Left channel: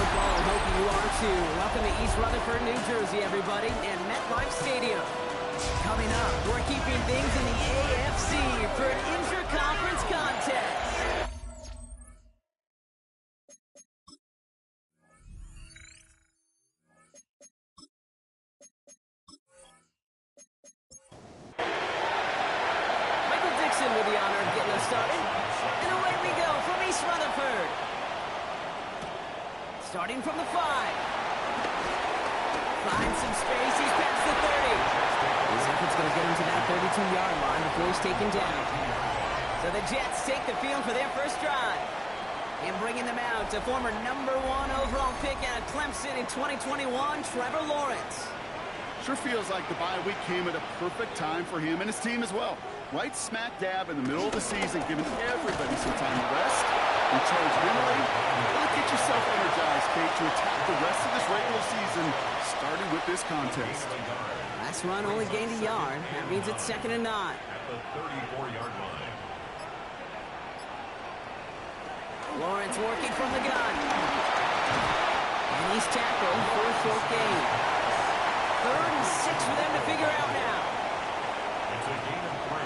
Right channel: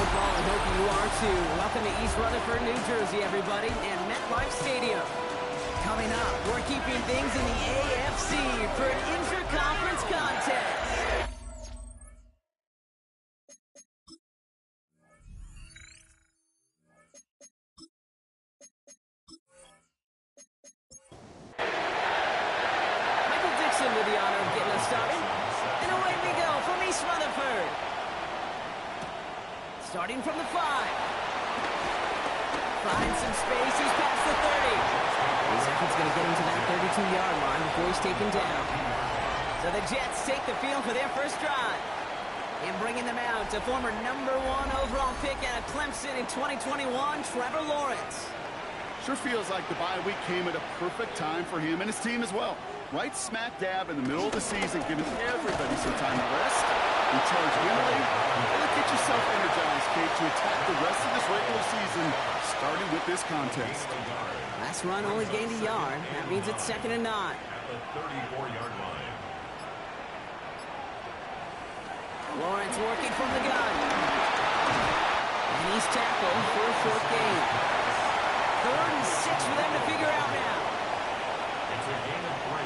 football and hope you are too. Welcome to East Rutherford, New Jersey, everybody, and MetLife Stadium. Coming up, we're keeping things in the AFC for an intra-conference contest. Michael Dixon with the honor of getting us started. And away we go from East Rutherford. Starting from the 5. Finds some space, he's past the 30. His effort's going to get him to that 32-yard line before he's taken down. So the Jets take the field for their first drive. And bringing them out to former #1 overall pick out of Clemson in 2021, Trevor Lawrence. Sure feels like the bye week came at a perfect time for him and his team as well. Right smack dab in the middle of the season, giving everybody some time to rest, recharge mentally, really get yourself energized, Kate, to attack the rest of this regular season, starting with this contest. Last run only gained a yard. That means it's 2nd and 9. At the 34-yard line. Lawrence working from the gun. And he's tackled for a short gain. 3rd and 6 for them to figure out now. It's a gain of 3.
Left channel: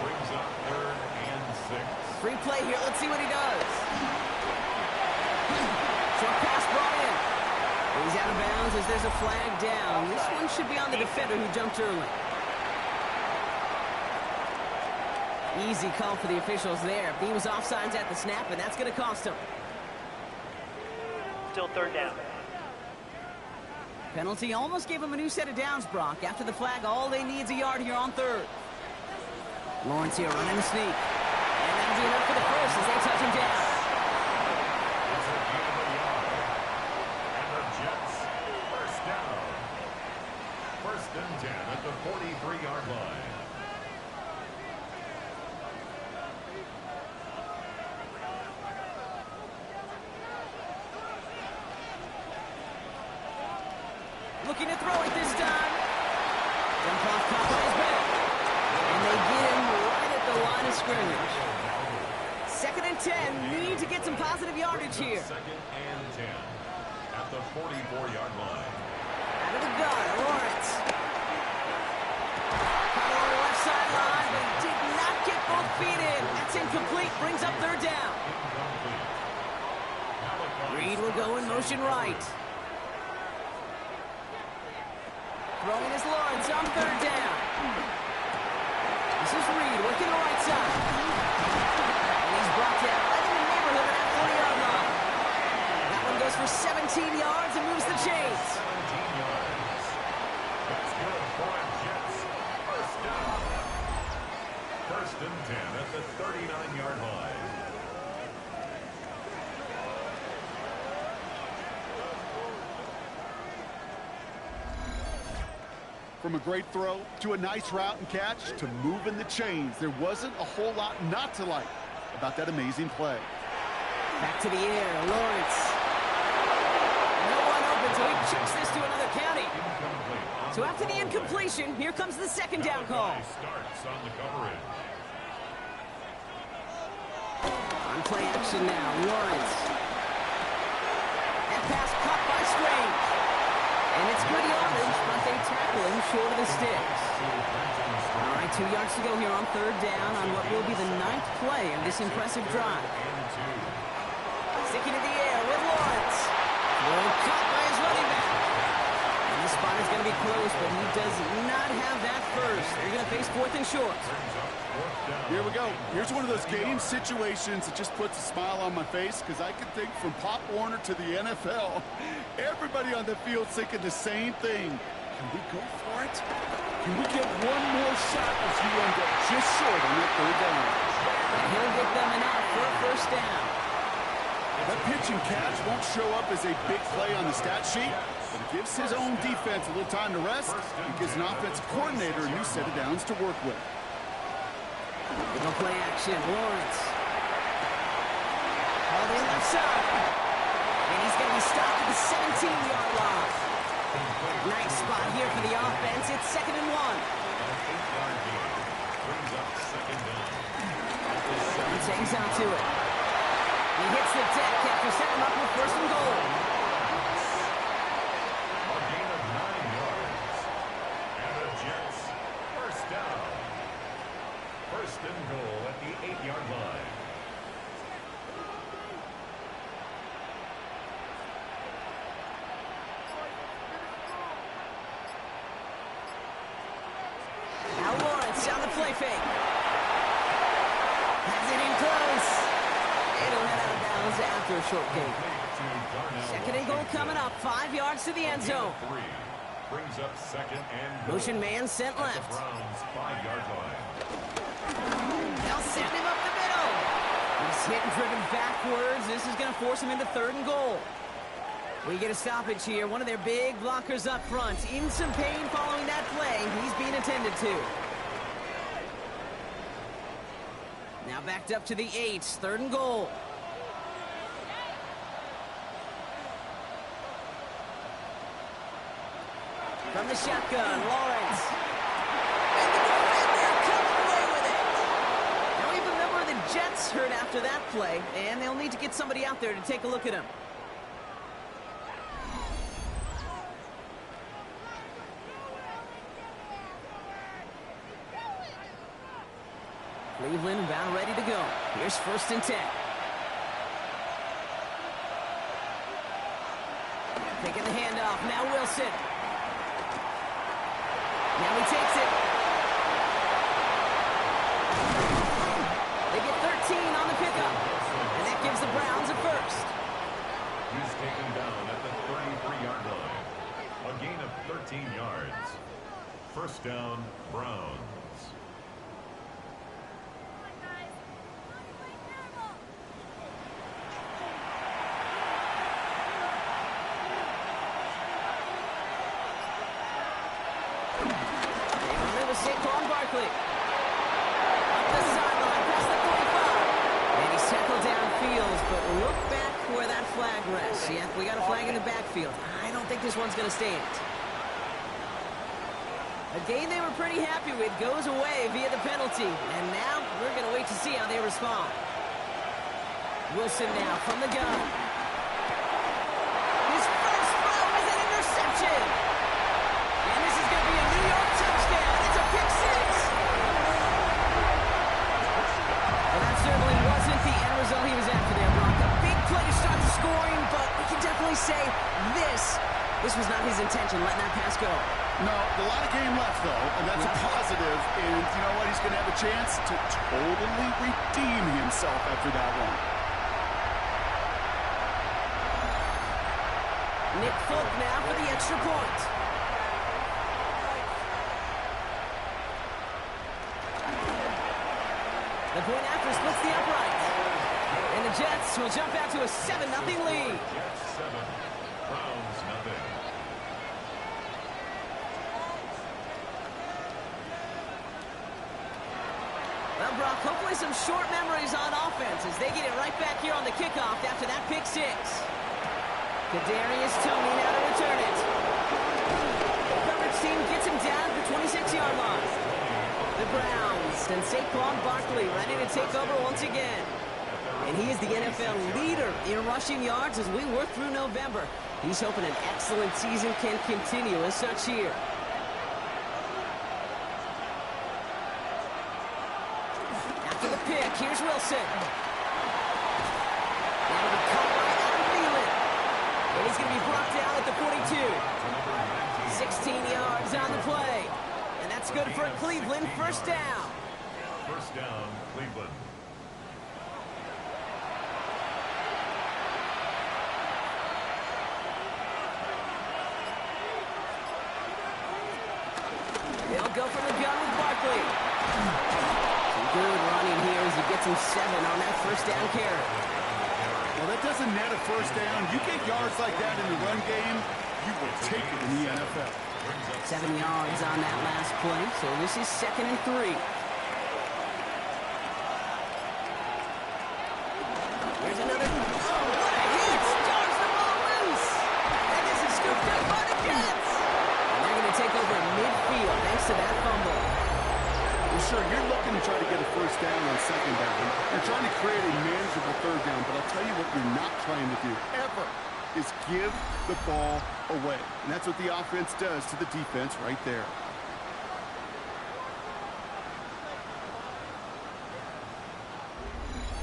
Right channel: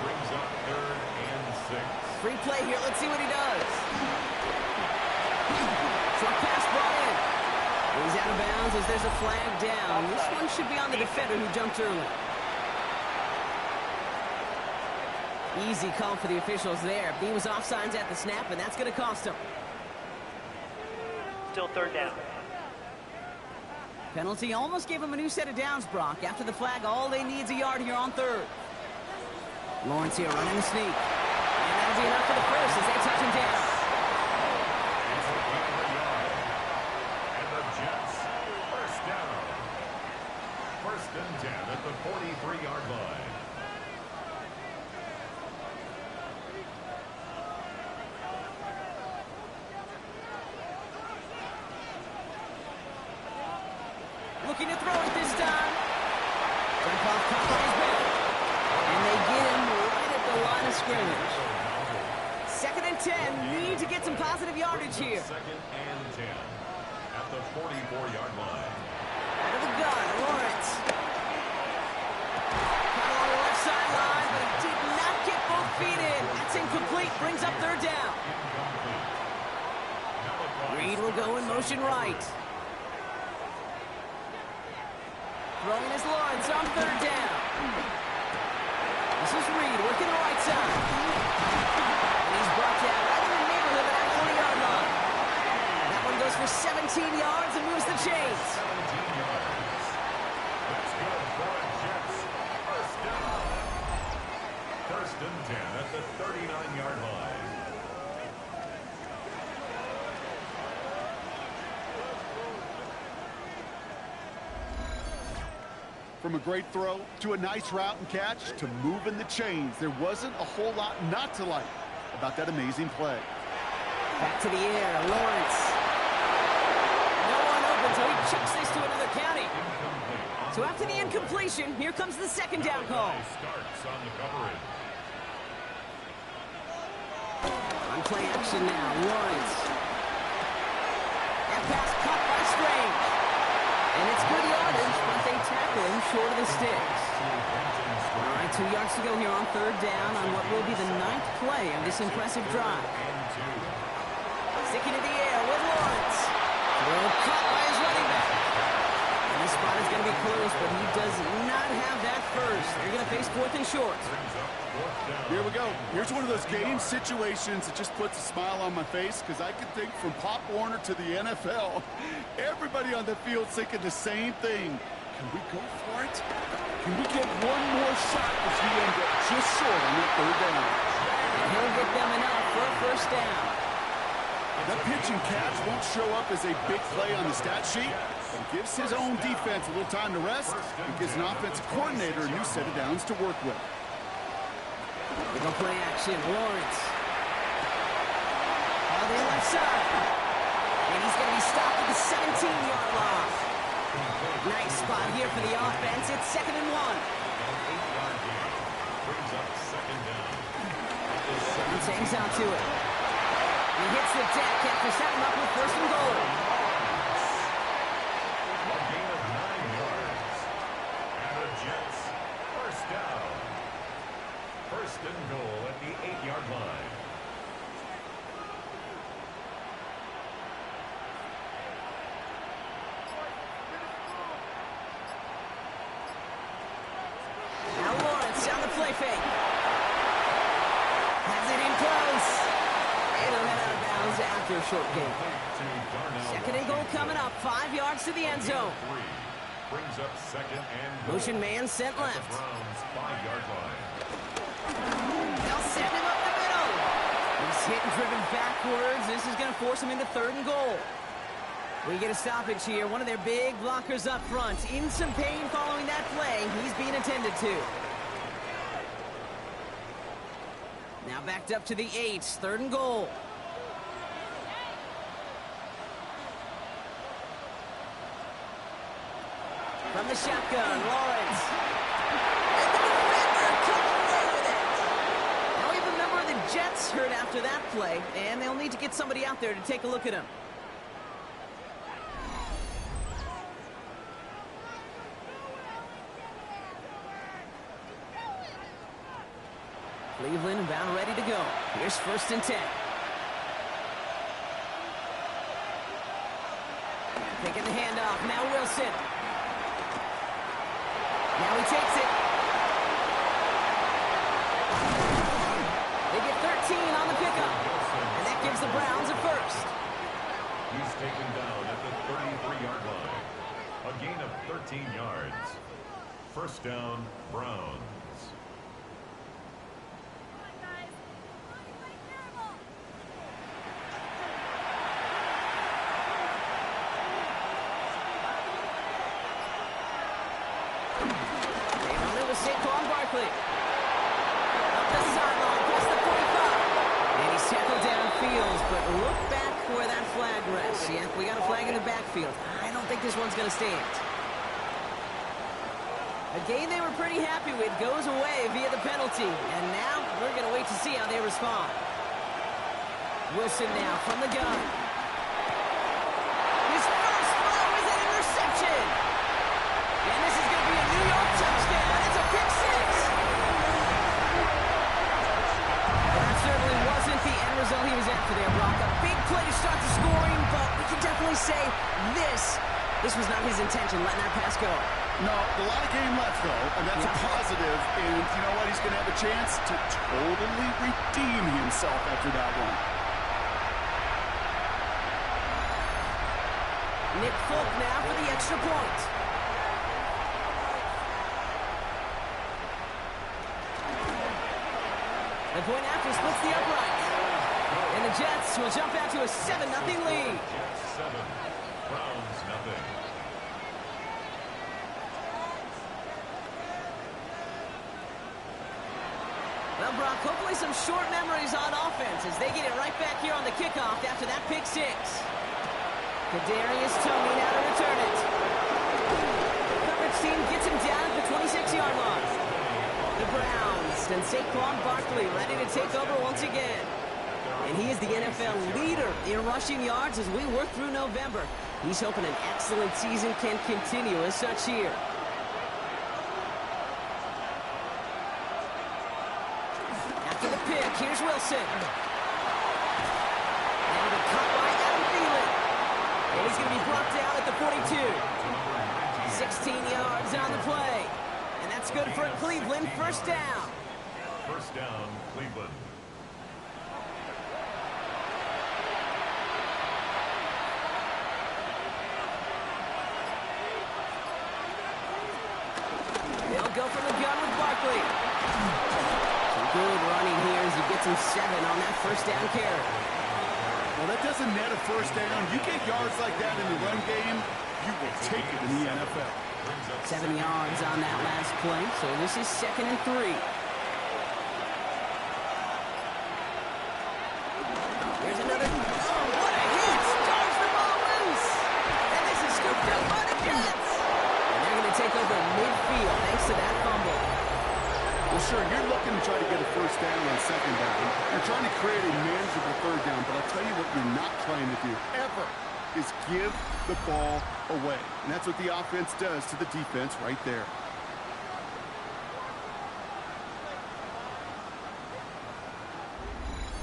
Brings up 3rd and 6. Free play here. Let's see what he does. Short pass brought in. He's out of bounds as there's a flag down. This one should be on the defender who jumped early. Easy call for the officials there. He was offsides at the snap, and that's going to cost him. Still 3rd down. Penalty almost gave him a new set of downs, Brock. After the flag, all they need is a yard here on 3rd. Lawrence here running the sneak. And that'll be enough for the first as they touch him down. It's a gain of a yard. And the Jets, first down. 1st and 10 at the 43-yard line. Looking to throw it this time. Jump off caught by his back. And they get him right at the line of scrimmage. 2nd and 10. Need to get some positive yardage here. 2nd and 10 at the 44-yard line. Out of the gun, Lawrence. Caught along the left sideline, but he did not get both feet in. That's incomplete. Brings up 3rd down. Reed will go in motion right. Throwing his Lawrence on 3rd down. This is Reed working the right side. And he's brought down right in the neighborhood of that 40-yard line. That one goes for 17 yards and moves the chains. 17 yards. That's good for a Jets. First down. 1st and 10 at the 39-yard line. From a great throw to a nice route and catch to moving the chains, there wasn't a whole lot not to like about that amazing play. Back to the air, Lawrence. No one open, so he chucks this to another county. So after the incompletion, here comes the 2nd down call. Starts on the coverage. On play action now, Lawrence. That pass caught by Strange. And it's good yardage, but they tackle him short of the sticks. All right, 2 yards to go here on 3rd down on what will be the 9th play of this impressive drive. Sticking to the air with Lawrence. Throw caught by his running back. And this spot is going to be close, but he does not have that first. They're going to face 4th and short. Here we go. Here's one of those game situations that just puts a smile on my face because I can think from Pop Warner to the NFL. Everybody on the field thinking the same thing. Can we go for it? Can we get one more shot as you end up just short on that 3rd down? And he'll get them enough for a first down. That pitch and catch won't show up as a big play on the stat sheet, but it gives his own defense a little time to rest and gives an offensive coordinator a new set of downs to work with. Little play action, Lawrence. All the left side. And he's going to be stopped at the 17-yard line. Nice spot here for the offense. It's 2nd and 1. An 8-yard gain brings up 2nd down. He hangs out to it. He hits the deck after setting him up with 1st and goal. First and goal at the 8-yard line. Now Lawrence on the play fake. Has it in close. And he'll head out of bounds after a short gain. Second and goal coming up. 5 yards to the end zone. Brings up second and goal. Motion man sent At left. the Browns' 5-yard line. They'll send him up the middle. He's hit and driven backwards. This is going to force him into third and goal. We get a stoppage here. One of their big blockers up front. In some pain following that play. He's being attended to. Now backed up to the 8. Third and goal. From the shotgun, Lawrence. And the defender comes away with it. Now we have a member of the Jets hurt after that play, and they'll need to get somebody out there to take a look at him. Cleveland about ready to go. Here's first and 10. Taking the handoff. Now Wilson. Now he takes it. They get 13 on the pickup. And that gives the Browns a first. He's taken down at the 33-yard line. A gain of 13 yards. First down, Browns. Saquon Barkley. Up the sideline, past the 45. And he's tackled downfield, but look back where that flag rests. Yeah, we got a flag in the backfield. I don't think this one's going to stand. A game they were pretty happy with goes away via the penalty. And now we're going to wait to see how they respond. Wilson now from the gun. His first throw is an interception. And this is going to be a New York touchdown. It's a pick six. Well, that certainly wasn't the end result he was after there, Brock. A big play to start the scoring, but we can definitely say this was not his intention, letting that pass go. No, a lot of game left, though, and that's a positive. And you know what? He's going to have a chance to totally redeem himself after that one. Nick Folk now for the extra point. The point after splits the upright. And the Jets will jump out to a 7-0 lead. Jets 7, Browns nothing. Well, Brock, hopefully some short memories on offense as they get it right back here on the kickoff after that pick six. Kadarius Toney now to return it. The coverage team gets him down at the 26-yard line. The Browns and Saquon Barkley ready to take over once again. And he is the NFL leader in rushing yards as we work through November. He's hoping an excellent season can continue as such here. After the pick, here's Wilson. Now to be caught by Adam Thielen. And he's going to be brought down at the 42. 16 yards on the play. And that's good for Cleveland. First down. First down, Cleveland. They'll go from the gun with Barkley. Some good running here as he gets him 7 on that first down carry. Well, that doesn't net a first down. You get yards like that in the run game, you will take it in the NFL. 7 yards on that last play, so this is 2nd and 3. Here's another. Oh, what a hit! Charge the ball loose! And this is scooped up by the Jets! And they're going to take over midfield thanks to that fumble. Well, sure, you're looking to try to get a first down on second down. You're trying to create a manageable third down, but I'll tell you what you're not trying to do, ever, is give the ball away. And that's what the offense does to the defense right there.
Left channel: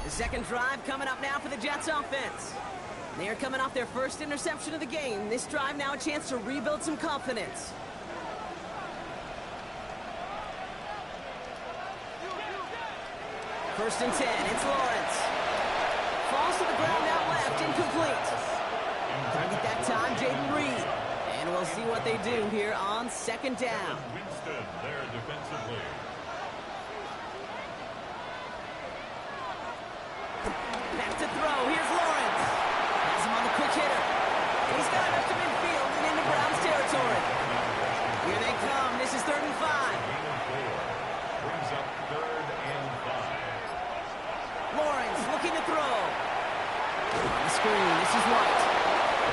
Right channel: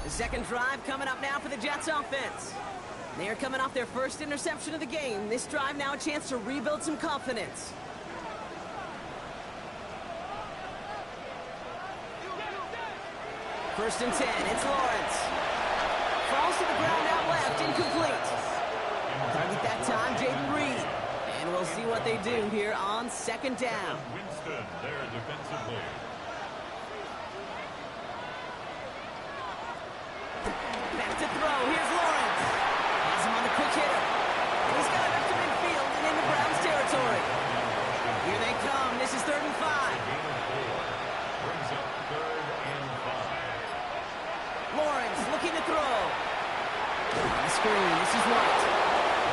The second drive coming up now for the Jets offense. They are coming off their first interception of the game. This drive now a chance to rebuild some confidence. First and 10, it's Lawrence. Falls to the ground out left, incomplete. Target that time, Jaden Reed. And we'll see what they do here on second down. Winston there defensively. Back to throw, here's Lawrence. Has him on the quick hitter. And he's got it up to midfield and into Browns territory. Here they come, this is 3rd and 5. Gain of 4. Brings up 3rd and 5. Lawrence looking to throw. On the screen, this is White.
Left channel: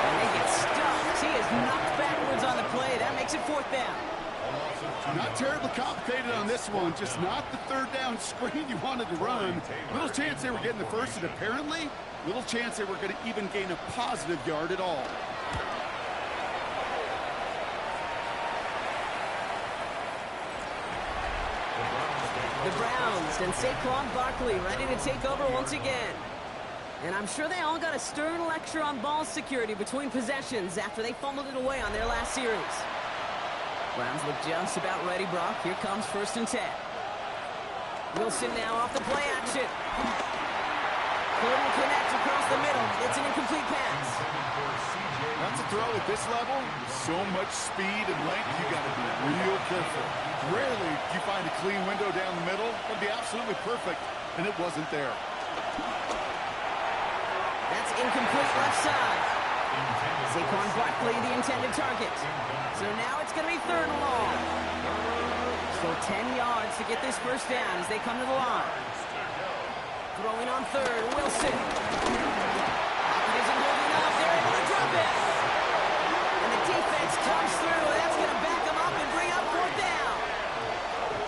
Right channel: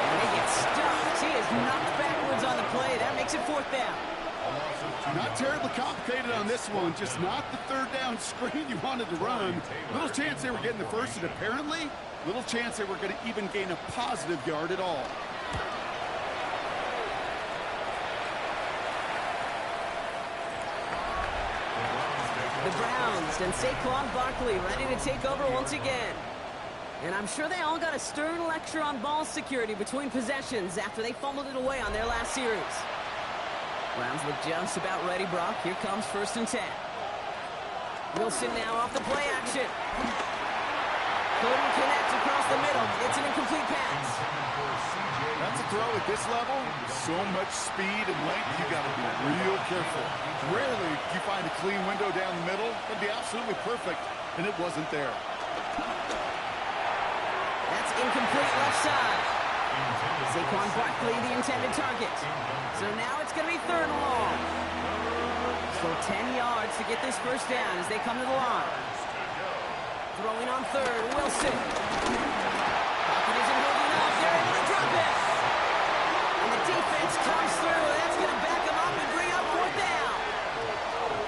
And they get stuffed. He is knocked backwards on the play. That makes it 4th down. Not terribly complicated on this one. Just not the 3rd down screen you wanted to run. Little chance they were getting the first, and apparently, little chance they were going to even gain a positive yard at all. The Browns and Saquon Barkley ready to take over once again. And I'm sure they all got a stern lecture on ball security between possessions after they fumbled it away on their last series. Browns look just about ready, Brock. Here comes 1st and 10. Wilson now off the play action. Couldn't connect across the middle. It's an incomplete pass. That's a throw at this level. So much speed and length, you got to be real careful. Rarely do you find a clean window down the middle. That'd be absolutely perfect, and it wasn't there. That's incomplete left side. Saquon Barkley, the intended target. So now it's going to be 3rd and long. So 10 yards to get this first down as they come to the line. Throwing on 3rd, Wilson. Pocket isn't holding up. They're able to drop it. And the defense comes through. That's going to back him up and bring up 4th down.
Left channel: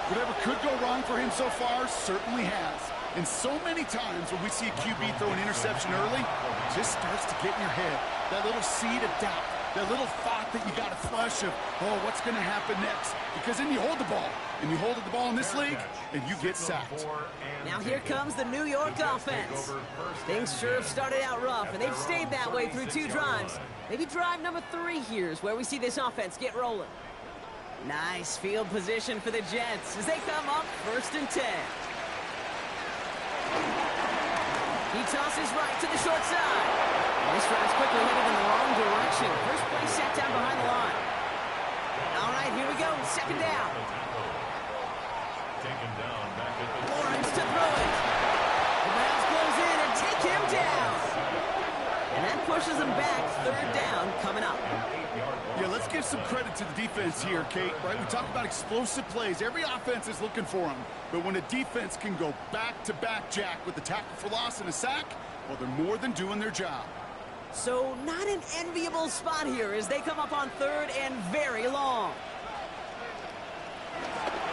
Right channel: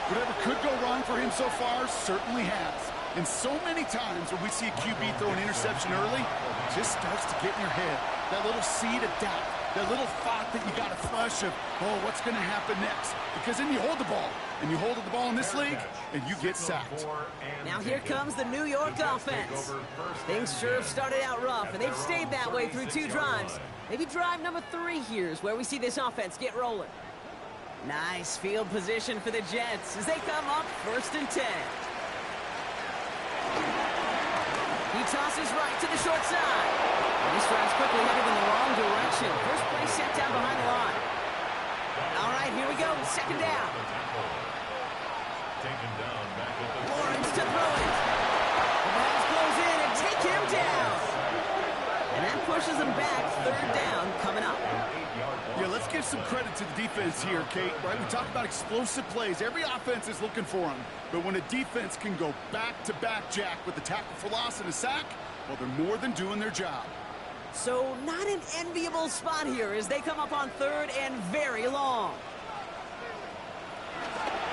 Whatever could go wrong for him so far certainly has. And so many times when we see a QB throw an interception early, it just starts to get in your head. That little seed of doubt, that little thought that you got to flush of, oh, what's going to happen next? Because then you hold the ball, and you hold the ball in this league, and you get sacked. Now here comes the New York offense. Things sure have started out rough, and they've stayed that way through 2 drives. Maybe drive number 3 here is where we see this offense get rolling. Nice field position for the Jets as they come up 1st and 10. He tosses right to the short side. And this drive's quickly headed in the wrong direction. First play set down behind the line. All right, here we go. 2nd down. Taken down back at the Lawrence to throw it. The Browns close in and take him down. And that pushes them back. 3rd down coming up. Yeah, let's give some credit to the defense here, Kate, right? We talk about explosive plays. Every offense is looking for them. But when a defense can go back-to-back, Jack, with a tackle for loss and a sack, well, they're more than doing their job. So not an enviable spot here as they come up on 3rd and very long.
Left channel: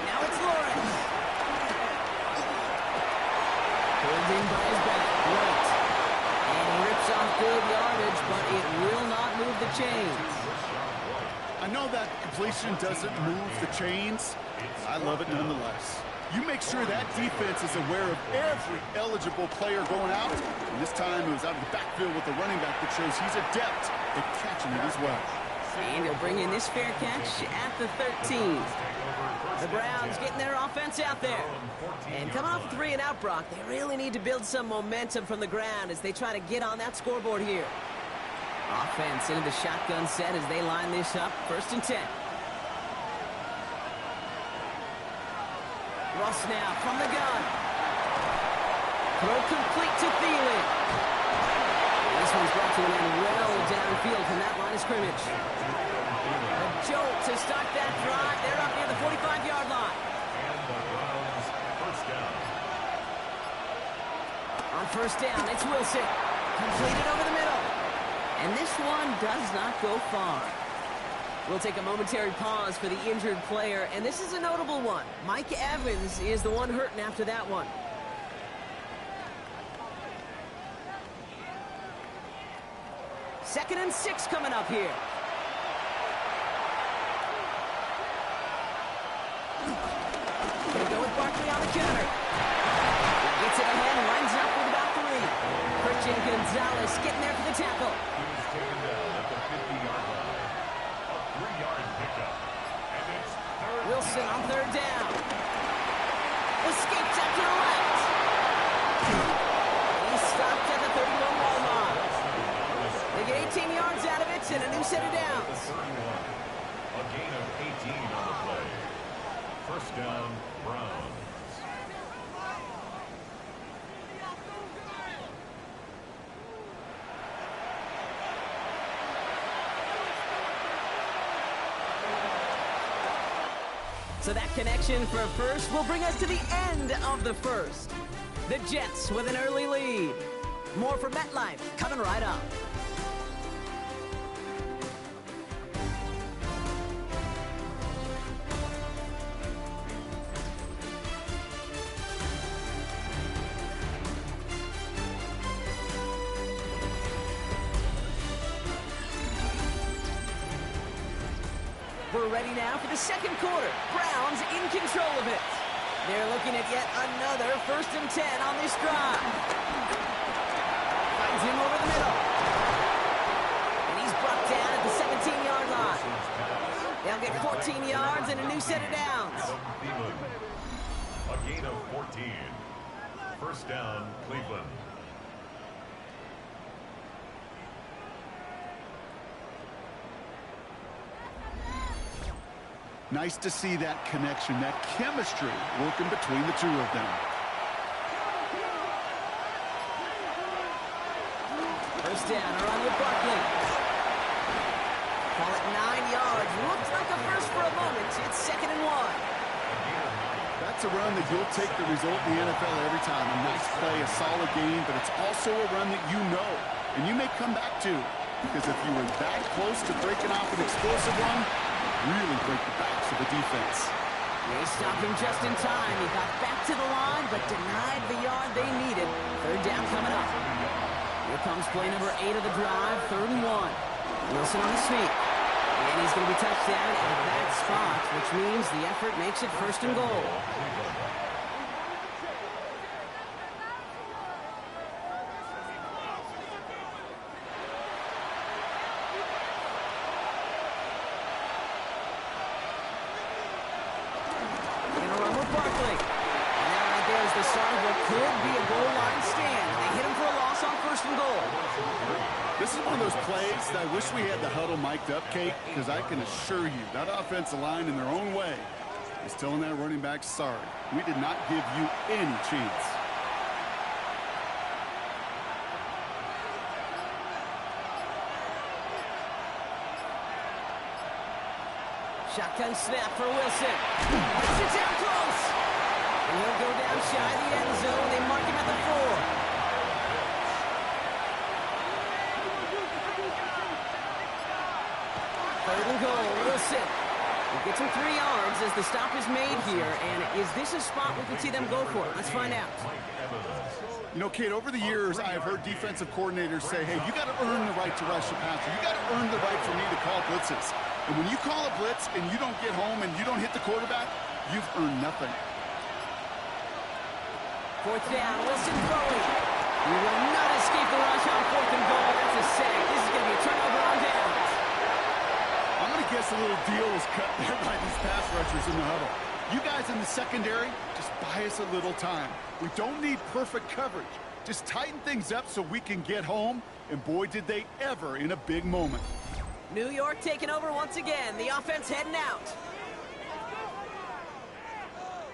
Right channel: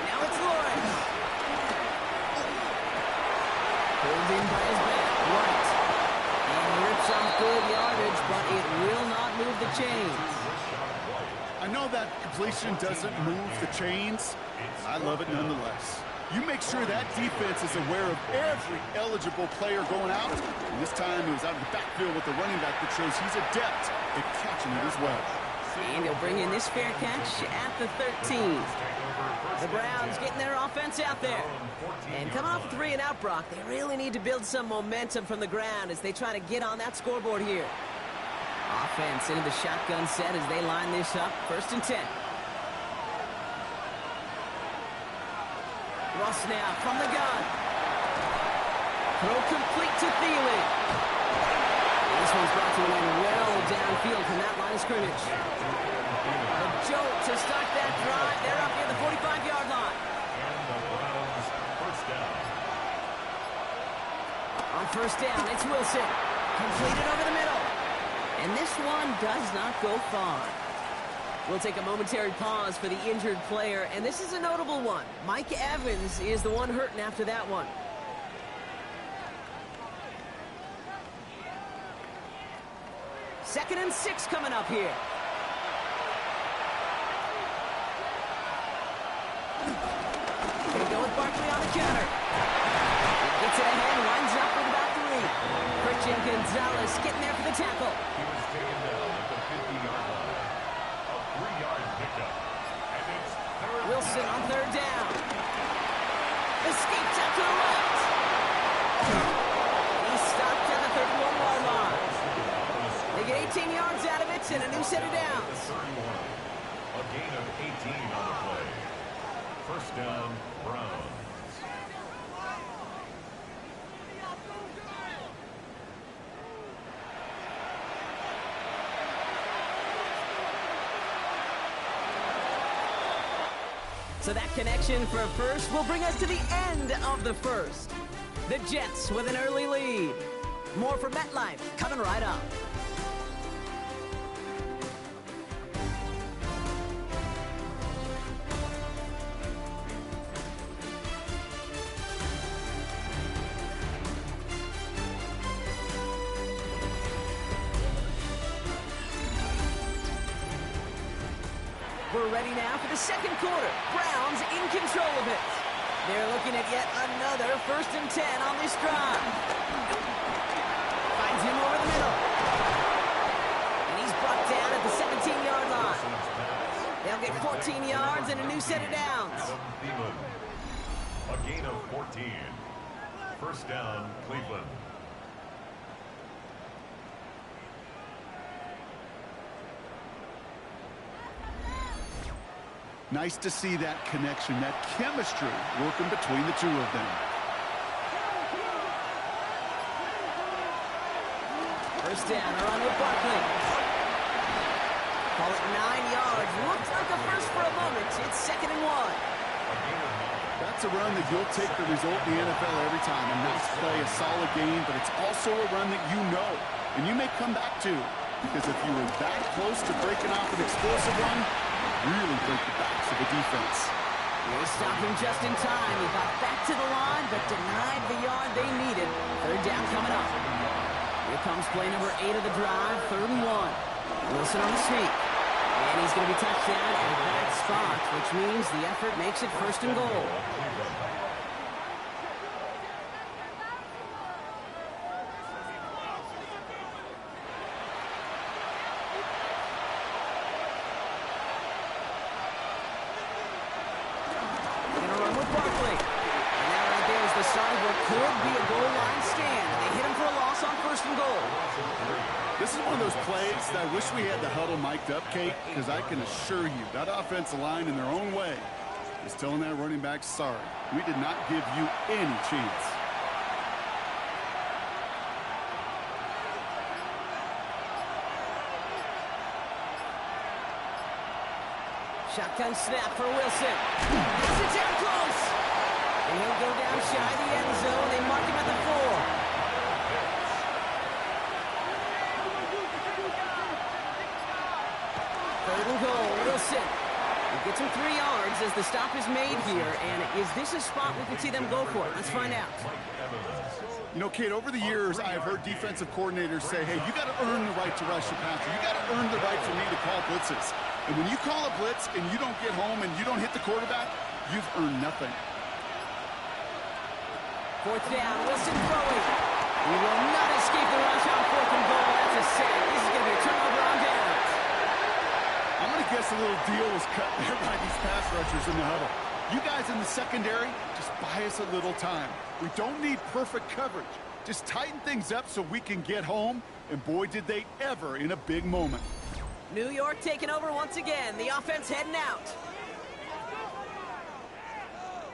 Now it's Lawrence. Pulled in by his back, White. And he rips off good yardage, but it will not move the chains. I know that completion doesn't move the chains. I love it nonetheless. You make sure that defense is aware of every eligible player going out. And this time it was out of the backfield with the running back that shows he's adept at catching it as well. And he'll bring in this fair catch at the 13. The Browns getting their offense out there. And coming off a 3 and out, Brock, they really need to build some momentum from the ground as they try to get on that scoreboard here. Offense into the shotgun set as they line this up. 1st and 10. Russ now from the gun. Throw complete to Thielen. And this one's brought to an end well downfield from that line of scrimmage. A jolt to start that drive. They're up near the 45-yard line. And the Browns 1st down. On 1st down, it's Wilson. Completed over the middle. And this one does not go far. We'll take a momentary pause for the injured player, and this is a notable one. Mike Evans is the one hurting after that one. Second and 6 coming up here. Gonna go with Barkley on the counter. Gets it ahead, winds up with about 3. Christian Gonzalez getting there for the tackle. He was taken down at the 50-yard line. A 3-yard pickup. And it's third Wilson down. on 3rd down. Escapes out to the left. And he's stopped at the 31-yard line. They get 18 yards out of it and a new set of downs. 31. A gain of 18 on the play. First down, Browns. So that connection for a first will bring us to the end of the first. The Jets with an early lead. More from MetLife coming right up. We're ready now for the second quarter. Browns in control of it. They're looking at yet another 1st and 10 on this drive. Finds him over the middle. And he's brought down at the 17-yard line. They'll get 14 yards and a new set of downs. A gain of 14. First down, Cleveland. Nice to see that connection, that chemistry working between the two of them. First down, a run with Barkley. Call it 9 yards. Looks like a first for a moment. It's 2nd and 1. That's a run that you'll take the result in the NFL every time. A nice play, a solid game, but it's also a run that you know and you may come back to, because if you were that close to breaking off an explosive one, really break the backs of the defense. They stopped him just in time. He got back to the line, but denied the yard they needed. 3rd down coming up. Here comes play number 8 of the drive, 3rd and 1. Wilson on the sneak. And he's going to be touched down at that spot, which means the effort makes it 1st and goal. Could be a goal line stand. They hit him for a loss on 1st and goal. This is one of those plays that I wish we had the huddle mic'd up, Kate, because I can assure you that offensive line in their own way is telling that running back, sorry, we did not give you any chance. Shotgun snap for Wilson. Gets it down close. And he'll go down shy of the end zone. They mark him at the 4. 3rd and goal, Wilson. He gets him 3 yards as the stop is made here. And is this a spot we can see them go for? Let's find out. You know, Kate, over the years, I have heard defensive coordinators say, hey, you got to earn the right to rush the passer. You got to earn the right for me to call blitzes. And when you call a blitz and you don't get home and you don't hit the quarterback, you've earned nothing. 4th down, Wilson throwing. He will not escape the rush on 4th and goal. That's a sack. This is going to be a turnover on downs. I'm going to guess a little deal was cut there by these pass rushers in the huddle. You guys in the secondary, just buy us a little time. We don't need perfect coverage. Just tighten things up so we can get home. And boy, did they ever in a big moment. New York taking over once again. The offense heading out.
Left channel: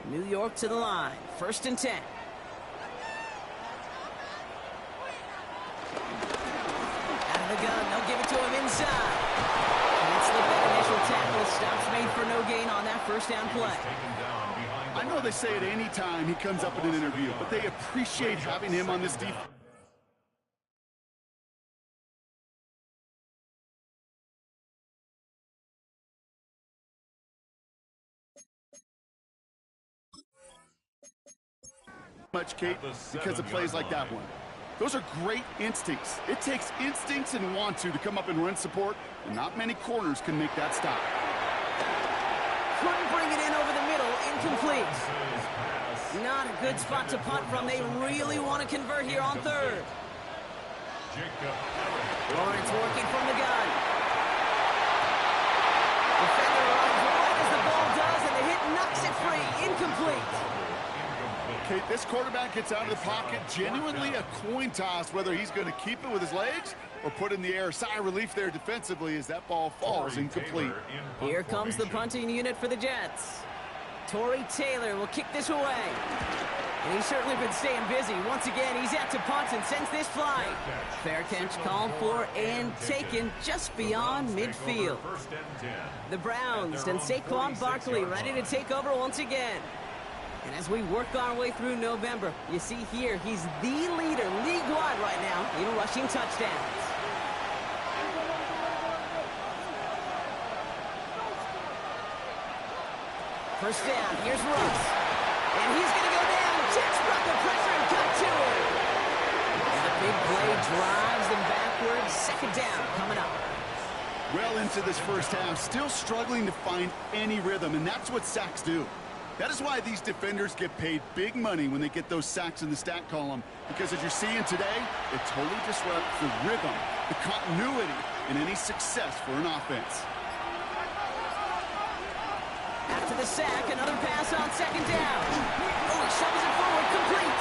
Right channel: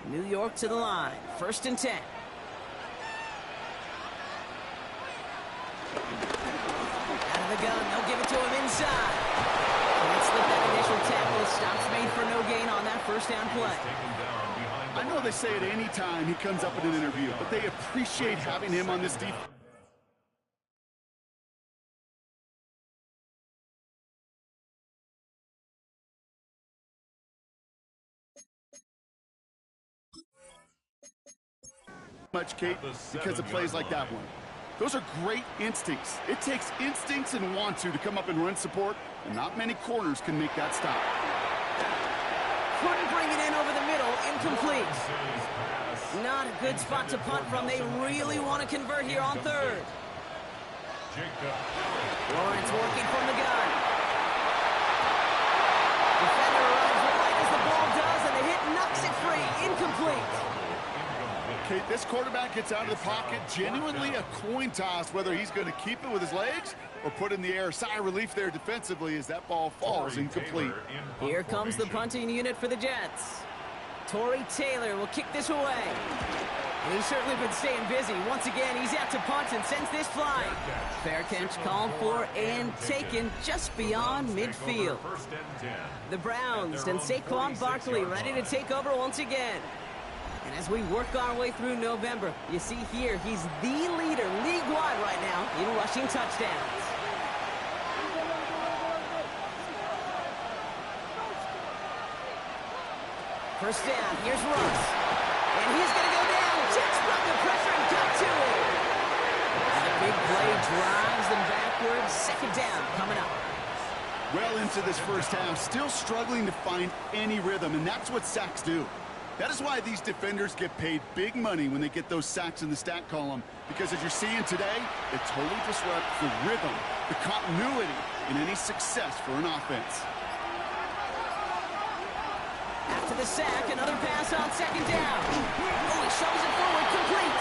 New York to the line. 1st and 10. Out of the gun. They'll give it to him inside. Can't slip that initial tackle. Stops made for no gain on that 1st down play. I know they say it any time he comes up in an interview, but they appreciate having him on this defense. Much, Kate, because of plays like that one. Those are great instincts. It takes instincts and want to come up and run support, and not many corners can make that stop. Couldn't bring it in over the middle, incomplete. Not a good spot to punt from. They really want to convert here on third. Lawrence working from the gun. Defender arrives right as the ball does, and the hit knocks it free. Incomplete. Okay, this quarterback gets out of the pocket. Genuinely a coin toss whether he's going to keep it with his legs or put in the air. Sigh of relief there defensively as that ball falls incomplete. Here comes the punting unit for the Jets. Tory Taylor will kick this away. And he's certainly been staying busy. Once again, he's out to punt and sends this flying. Fair catch called for and taken just beyond midfield. The Browns and Saquon Barkley ready to take over once again. And as we work our way through November, you see here, he's the leader league-wide right now in rushing touchdowns. First down, here's Russ. And he's going to go down. Jets brought the pressure and got to him. And the big play drives them backwards. Second down coming up. Well into this first half, still struggling to find any rhythm, and that's what sacks do. That is why these defenders get paid big money when they get those sacks in the stat column, because as you're seeing today, it totally disrupts the rhythm, the continuity, and any success for an offense. After the sack, another pass on second down. Oh, he shoves it forward, complete.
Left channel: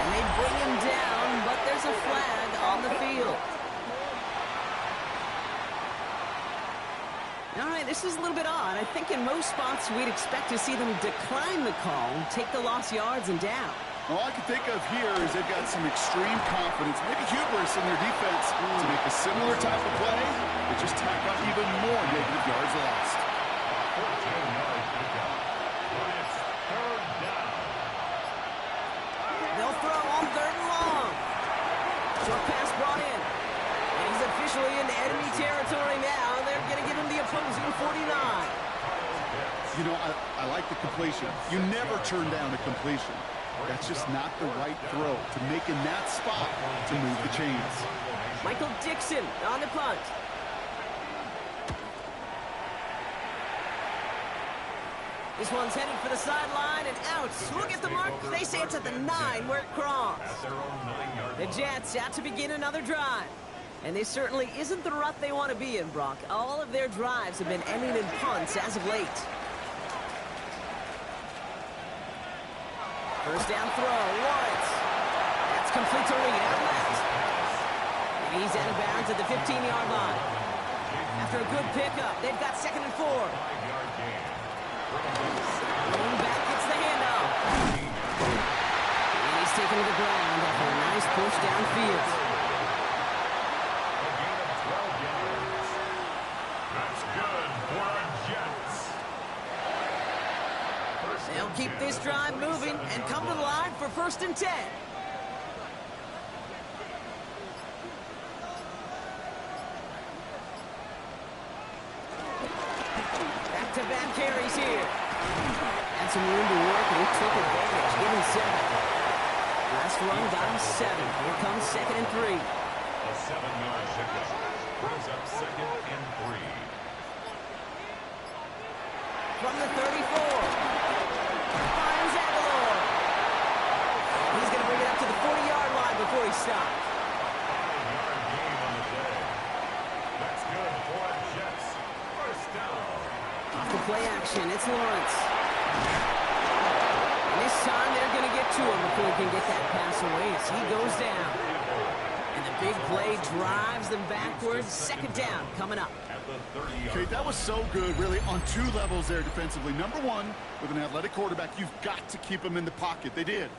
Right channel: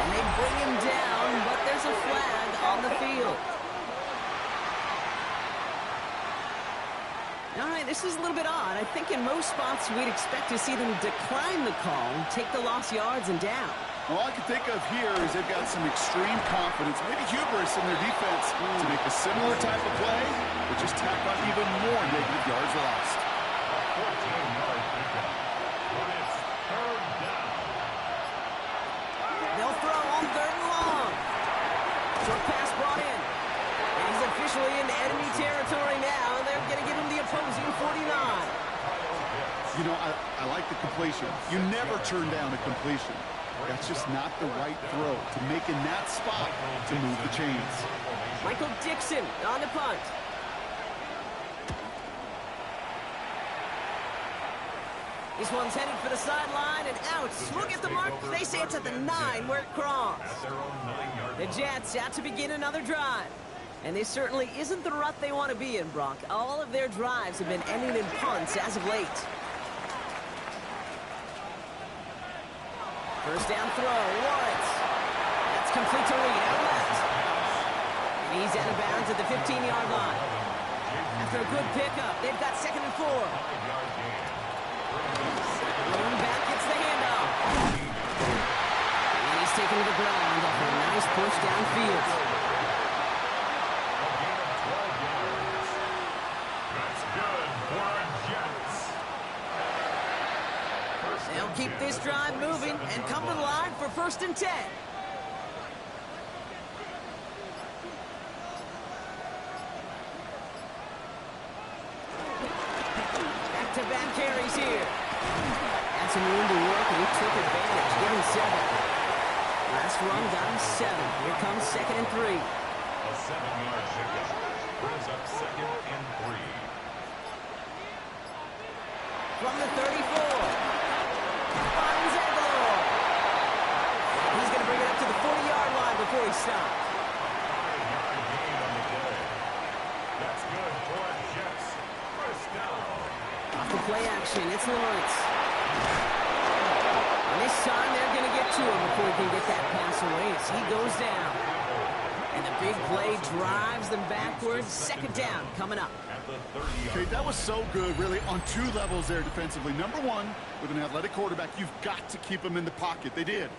And they bring him down, but there's a flag on the field. All right, this is a little bit odd. I think in most spots we'd expect to see them decline the call, take the lost yards and down. All I can think of here is they've got some extreme confidence, maybe hubris in their defense to make a similar type of play, but just tack on even more negative yards lost. 14-yard pickup, but it's third down. They'll throw on third and long. Short pass brought in. And he's officially into enemy territory now. They're going to give him the opposing 49. You know, I like the completion. You never turn down a completion. That's just not the right throw to make in that spot to move the chains. Michael Dixon on the punt. This one's headed for the sideline and out. Look at the mark. They say it's at the 9 where it crossed. The Jets out to begin another drive. And this certainly isn't the rut they want to be in, Brock. All of their drives have been ending in punts as of late. First down throw, Lawrence. That's complete to Reed, out left. And he's out of bounds at the 15-yard line. After a good pickup, they've got 2nd and 4. Going back gets the handoff. And he's taken to the ground after a nice push downfield. They'll keep this drive moving and come to the line for 1st and 10. Back-to-back carries here. Had some room to work, and he took advantage, giving 7. Last run got him 7. Here comes 2nd and 3. A 7-yard pickup brings up 2nd and 3. From the 34. Finds Aguilar. He's going to bring it up to the 40-yard line before he stops. 5-yard gain on the play. That's good for the Jets. First down. Off the play action, it's Lawrence. And this time they're going to get to him before he can get that pass away as he goes down. And the big play drives them backwards. 2nd down coming up. Okay, that was so good, really, on 2 levels there defensively. Number 1, with an athletic quarterback, you've got to keep him in the pocket. They did.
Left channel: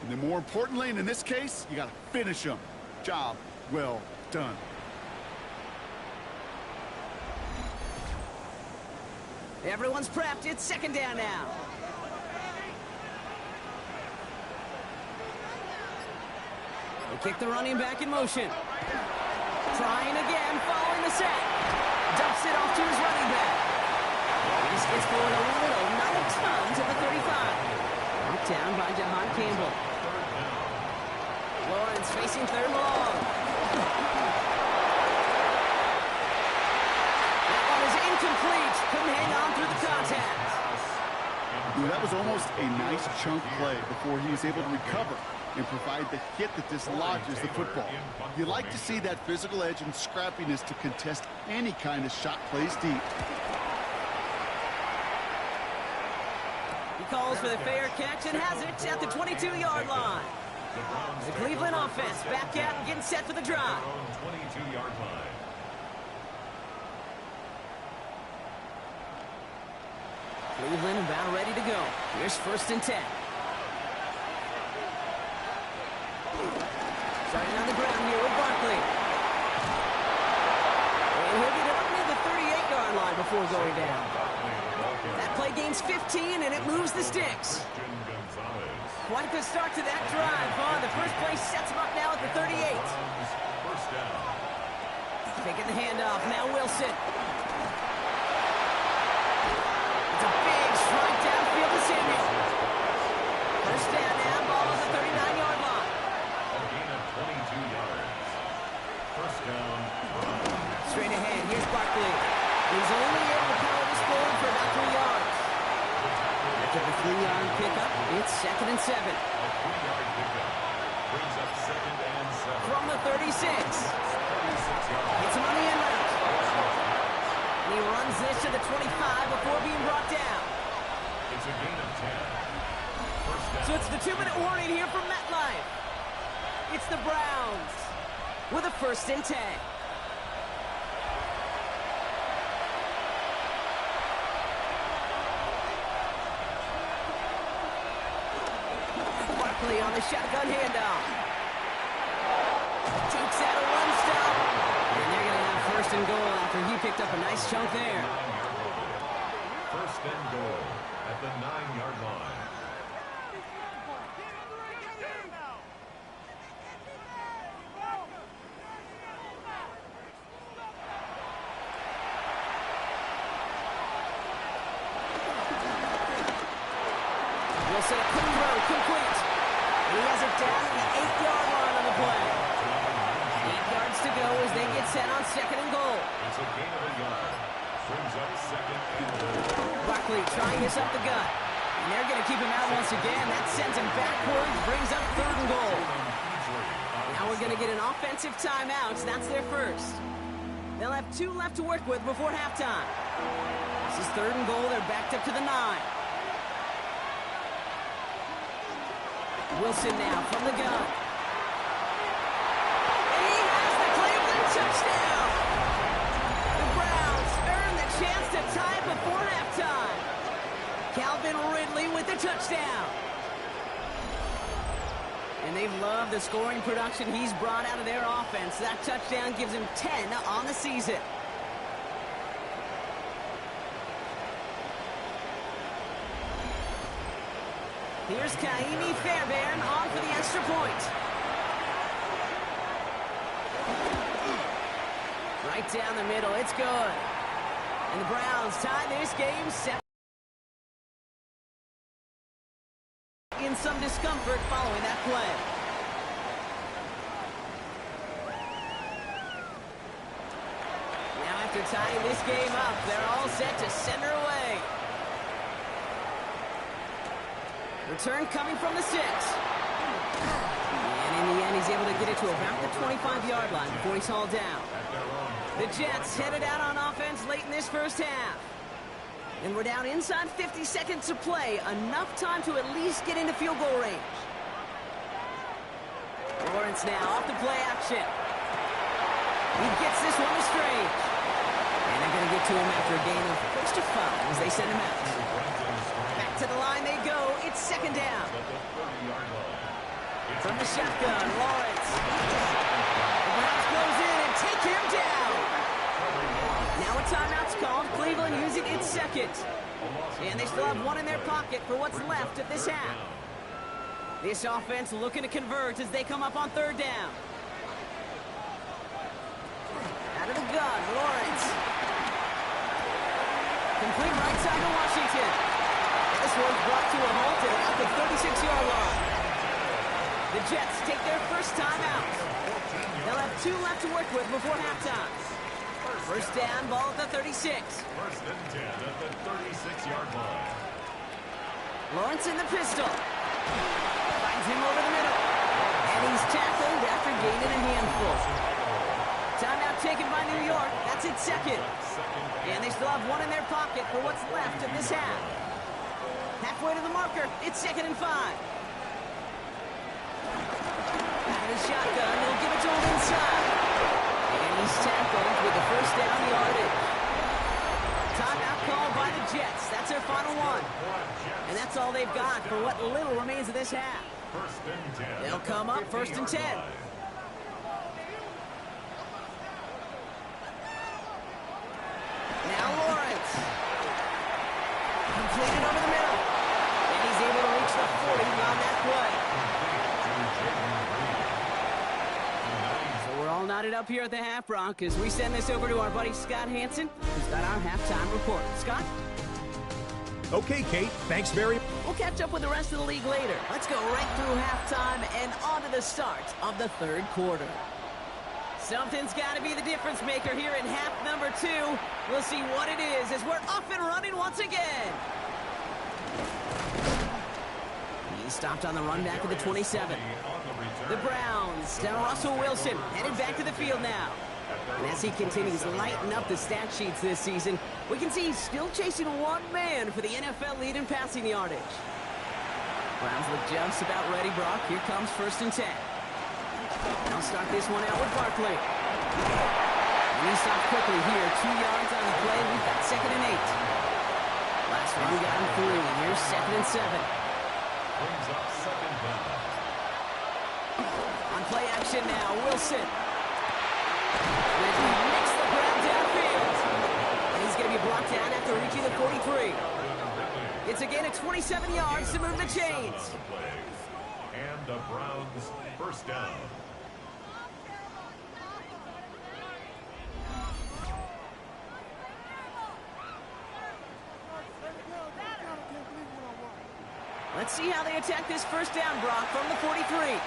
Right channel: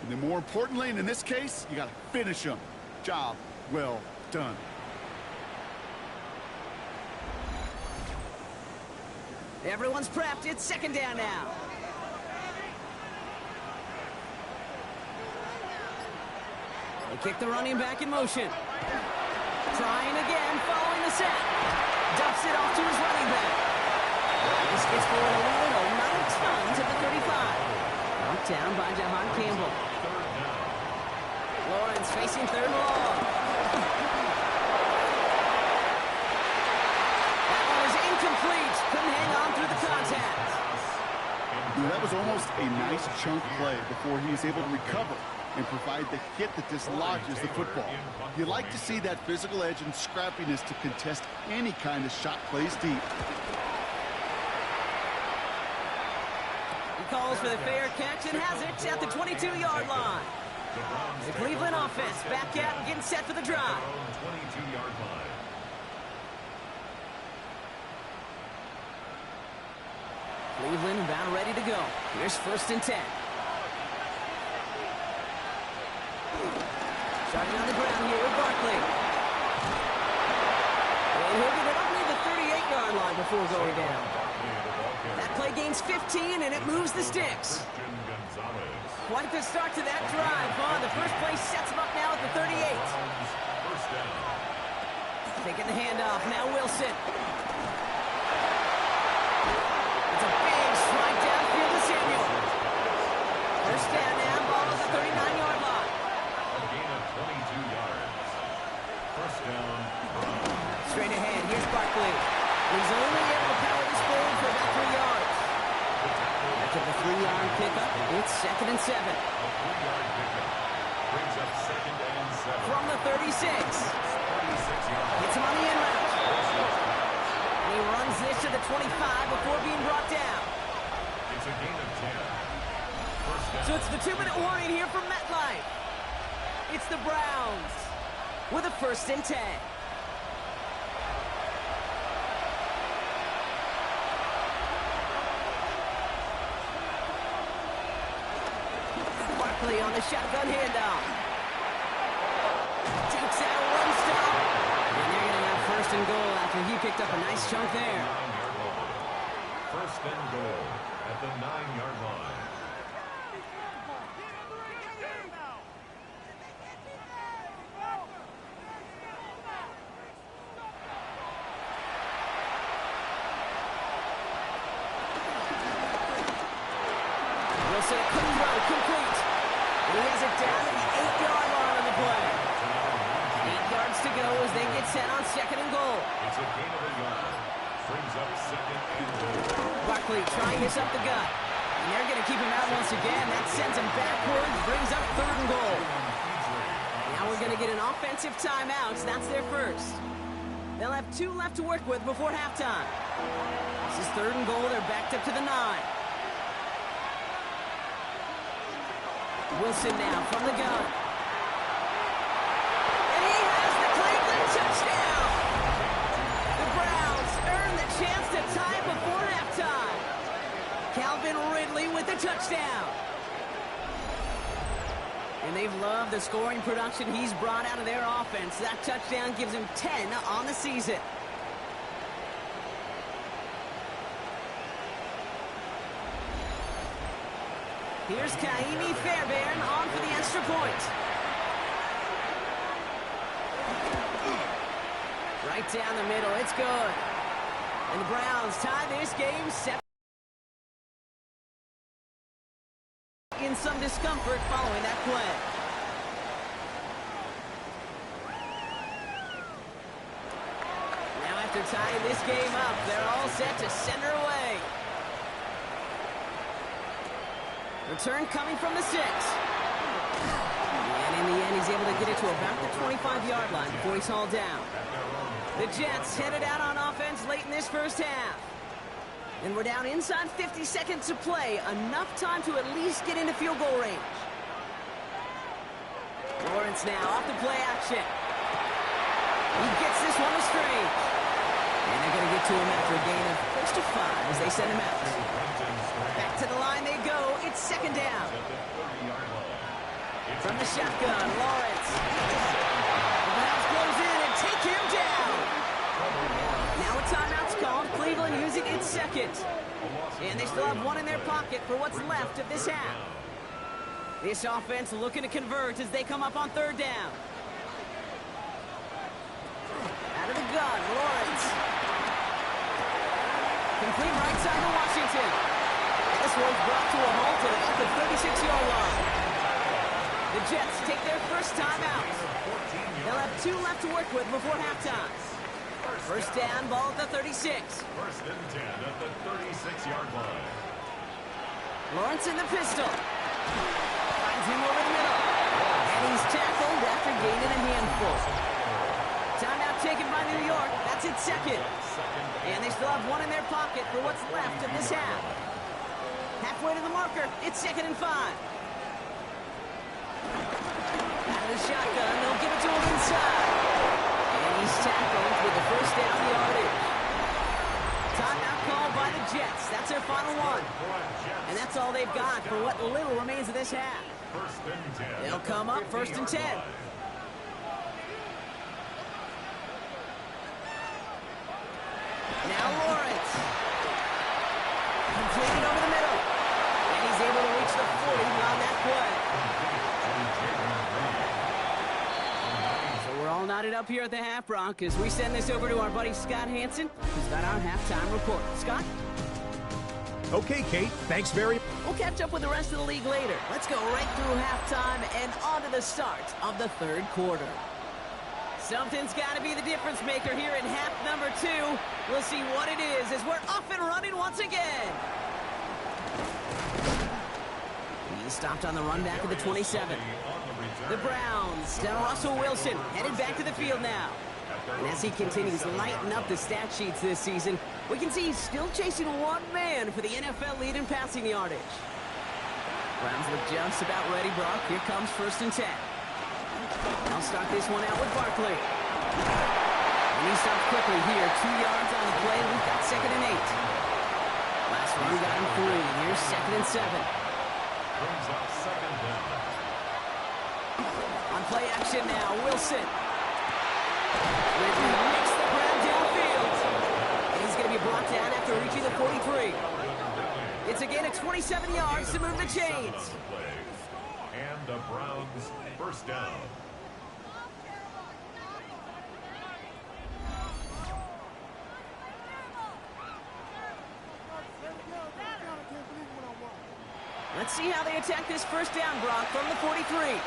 And then more importantly, and in this case, you got to finish him. Job well done. Everyone's prepped. It's 2nd down now. They kick the running back in motion. Trying again, following the sack. Dumps it off to his running back. This gets forward a little, not a ton, to the 35. Knocked down by Jahan Campbell. Lawrence facing 3rd and long. That one is incomplete. Couldn't hang on through the contact. That was almost a nice chunk play before he was able to recover and provide the hit that dislodges the football. You like to see that physical edge and scrappiness to contest any kind of shot plays deep. He calls for the fair catch and has it at the 22-yard line. The Cleveland offense back out and getting set for the drive. 22-yard line. Cleveland about ready to go. Here's 1st and 10. Starting on the ground here with Barkley. And he'll get it up near the 38-yard line before going down. That play gains 15, and it moves the sticks. Quite the start to that drive, huh? The first play sets him up now at the 38. First down. Taking the handoff. Now Wilson. It's a big strike downfield to Samuel. First down now. Ball at the 39-yard line. A gain of 22 yards. First down. Straight ahead. Here's Barkley. He's only able to power this forward for about 3 yards. After the 3-yard pickup, it's 2nd and 7. A 3-yard pickup brings up 2nd and 7. From the 36. 36 yards. Hits him on the end route. And he runs this to the 25 before being brought down. It's a gain of 10. First down. So it's the 2-minute warning here from MetLife. It's the Browns with a 1st and 10. Barkley on the shotgun handoff. Dukes out a run stop. And they're going to have 1st and goal after he picked up a nice chunk there. 9-yard line. First and goal at the 9-yard line. Wilson, a quick throw, complete. And he has it down to the 8-yard line on the play. 8 yards to go as they get set on 2nd and goal. It's a gain of a yard. Brings up 2nd and goal. Barkley trying this up the gut. And they're going to keep him out once again. That sends him backwards, brings up 3rd and goal. Now we're going to get an offensive timeout. That's their first. They'll have 2 left to work with before halftime. This is 3rd and goal. They're backed up to the 9. Wilson now from the gun. And he has the Cleveland touchdown. The Browns earn the chance to tie it before halftime. Calvin Ridley with the touchdown. And they've loved the scoring production he's brought out of their offense. That touchdown gives him 10 on the season. Here's Kaimi Fairbairn on for the extra point. Right down the middle, it's good. And the Browns tie this game 7. In some discomfort following that play. Now after tying this game up, they're all set to send her away. Return coming from the 6. And in the end, he's able to get it to about the 25-yard line before he's hauled down. The Jets headed out on offense late in this first half. And we're down inside 50 seconds to play. Enough time to at least get into field goal range. Lawrence now off the play action. He gets this one to Strange. And they're going to get to him after a gain of close to 5 as they send him out. Back to the line they go. It's 2nd down. From the shotgun, Lawrence. The Browns close in and take him down. Now a timeout's called. Cleveland using its 2nd. And they still have 1 in their pocket for what's left of this half. This offense looking to convert as they come up on 3rd down. Out of the gun, Lawrence. Complete right side to Washington. This one's brought to a halt at about the 36-yard line. The Jets take their first timeout. They'll have 2 left to work with before halftime. First down, ball at the 36. First and 10 at the 36-yard line. Lawrence in the pistol. Finds him over the middle. And he's tackled after gaining a handful. Timeout taken by New York. That's its second. And they still have one in their pocket for what's left of this half. Halfway to the marker. It's 2nd and 5. Out of the shotgun. They'll give it to him inside. And he's tackled with the first down yardage. Timeout called by the Jets. That's their final one. And that's all they've got for what little remains of this half. They'll come up 1st and 10. Now Lawrence. Completed over the middle. And he's able to reach the 40 on that play. So we're all knotted up here at the half, Brock, as we send this over to our buddy Scott Hanson, who's got our halftime report. Scott? Okay, Kate, thanks very much. We'll catch up with the rest of the league later. Let's go right through halftime and on to the start of the 3rd quarter. Something's got to be the difference maker here in half number 2. We'll see what it is as we're off and running once again. He stopped on the run back of the 27. The Browns, down Russell Wilson, headed back to the field now. And as he continues lighting up the stat sheets this season, we can see he's still chasing one man for the NFL lead in passing yardage. Browns look just about ready, Brock. Here comes 1st and 10. I'll start this one out with Barkley. And he stopped quickly here. 2 yards on the play. We've got 2nd and 8. Last run got him 3. Here's 2nd and 7. Brings up 2nd down. On play action now, Wilson. Ridley makes the grab downfield. And he's going to be brought down after reaching the 43. It's a gain of 27 yards to move the chains. And the Browns 1st down. Let's see how they attack this 1st down, Brock, from the 43.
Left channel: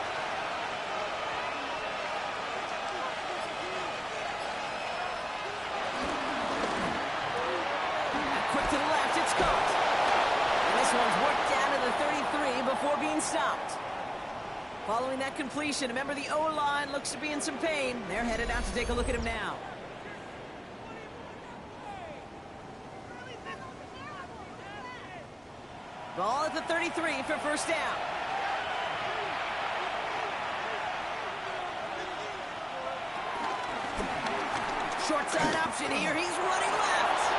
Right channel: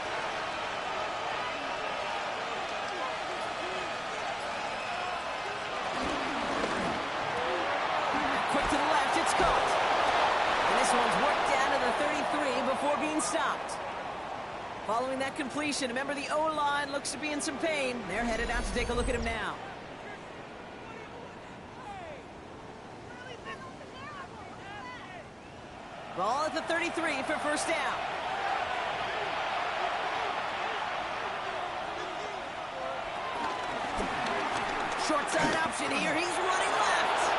Quick to the left, it's caught. And this one's worked down to the 33 before being stopped. Following that completion, remember the O-line looks to be in some pain. They're headed out to take a look at him now. Ball at the 33 for 1st down. Short side option here. He's running left.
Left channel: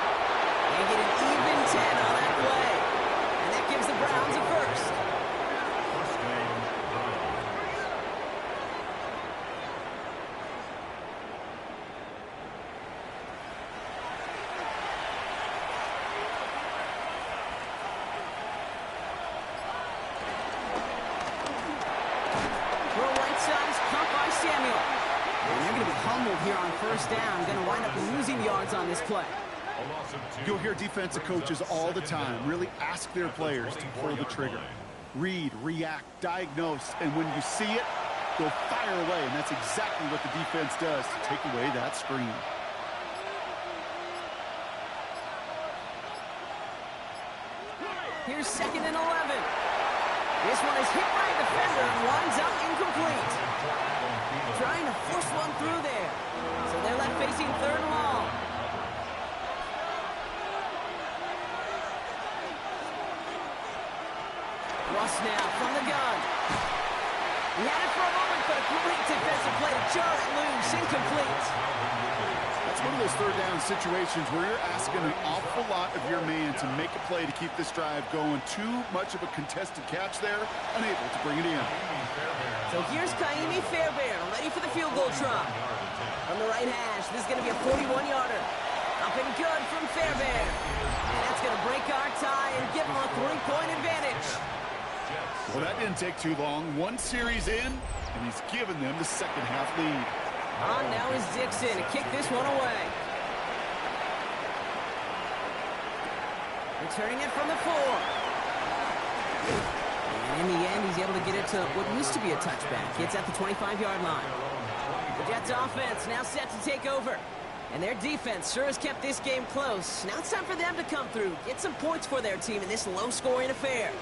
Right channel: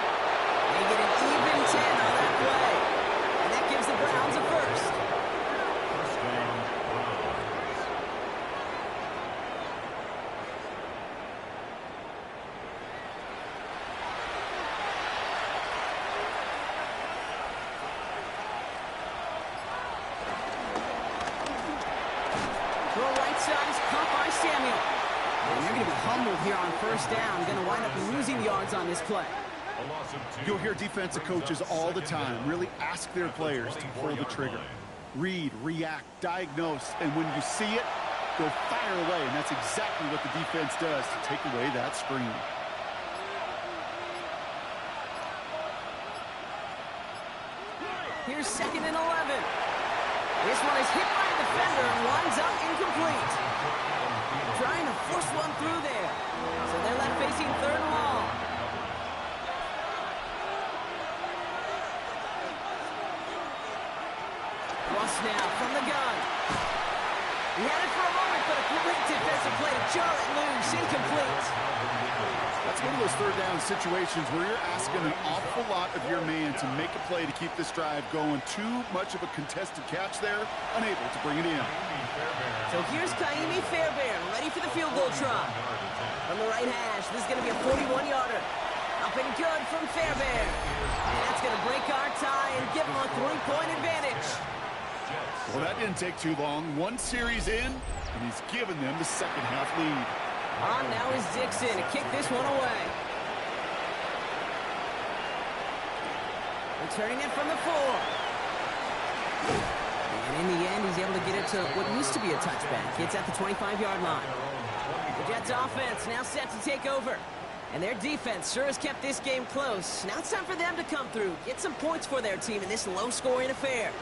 They get an even 10 on that play. And that gives the Browns a 1st. 1st down, Browns. Throw right side is caught by Samuel. And they're going to be humbled here on 1st down. Going to wind up losing yards on this play. You'll hear defensive coaches all the time really ask their players to pull the trigger. Read, react, diagnose, and when you see it, go fire away. And that's exactly what the defense does to take away that screen. Here's 2nd and 11. This one is hit by a defender and winds up incomplete. Trying to force one through there. So they're left facing 3rd and long. Russ now from the gun. He had it for a moment, but a great defensive play to jar it loose, incomplete. That's one of those 3rd down situations where you're asking an awful lot of your man to make a play to keep this drive going. Too much of a contested catch there, unable to bring it in. So here's Kaimi Fairbairn, ready for the field goal try. From the right hash, this is going to be a 41-yarder. Up and good from Fairbairn. And that's going to break our tie and give them a 3-point advantage. Well, that didn't take too long. One series in, and he's given them the 2nd half lead. On now is Dixon to kick this one away. Returning it from the 4. And in the end, he's able to get it to what used to be a touchback. It's at the 25-yard line. The Jets offense now set to take over. And their defense sure has kept this game close. Now it's time for them to come through, get some points for their team in this low-scoring affair.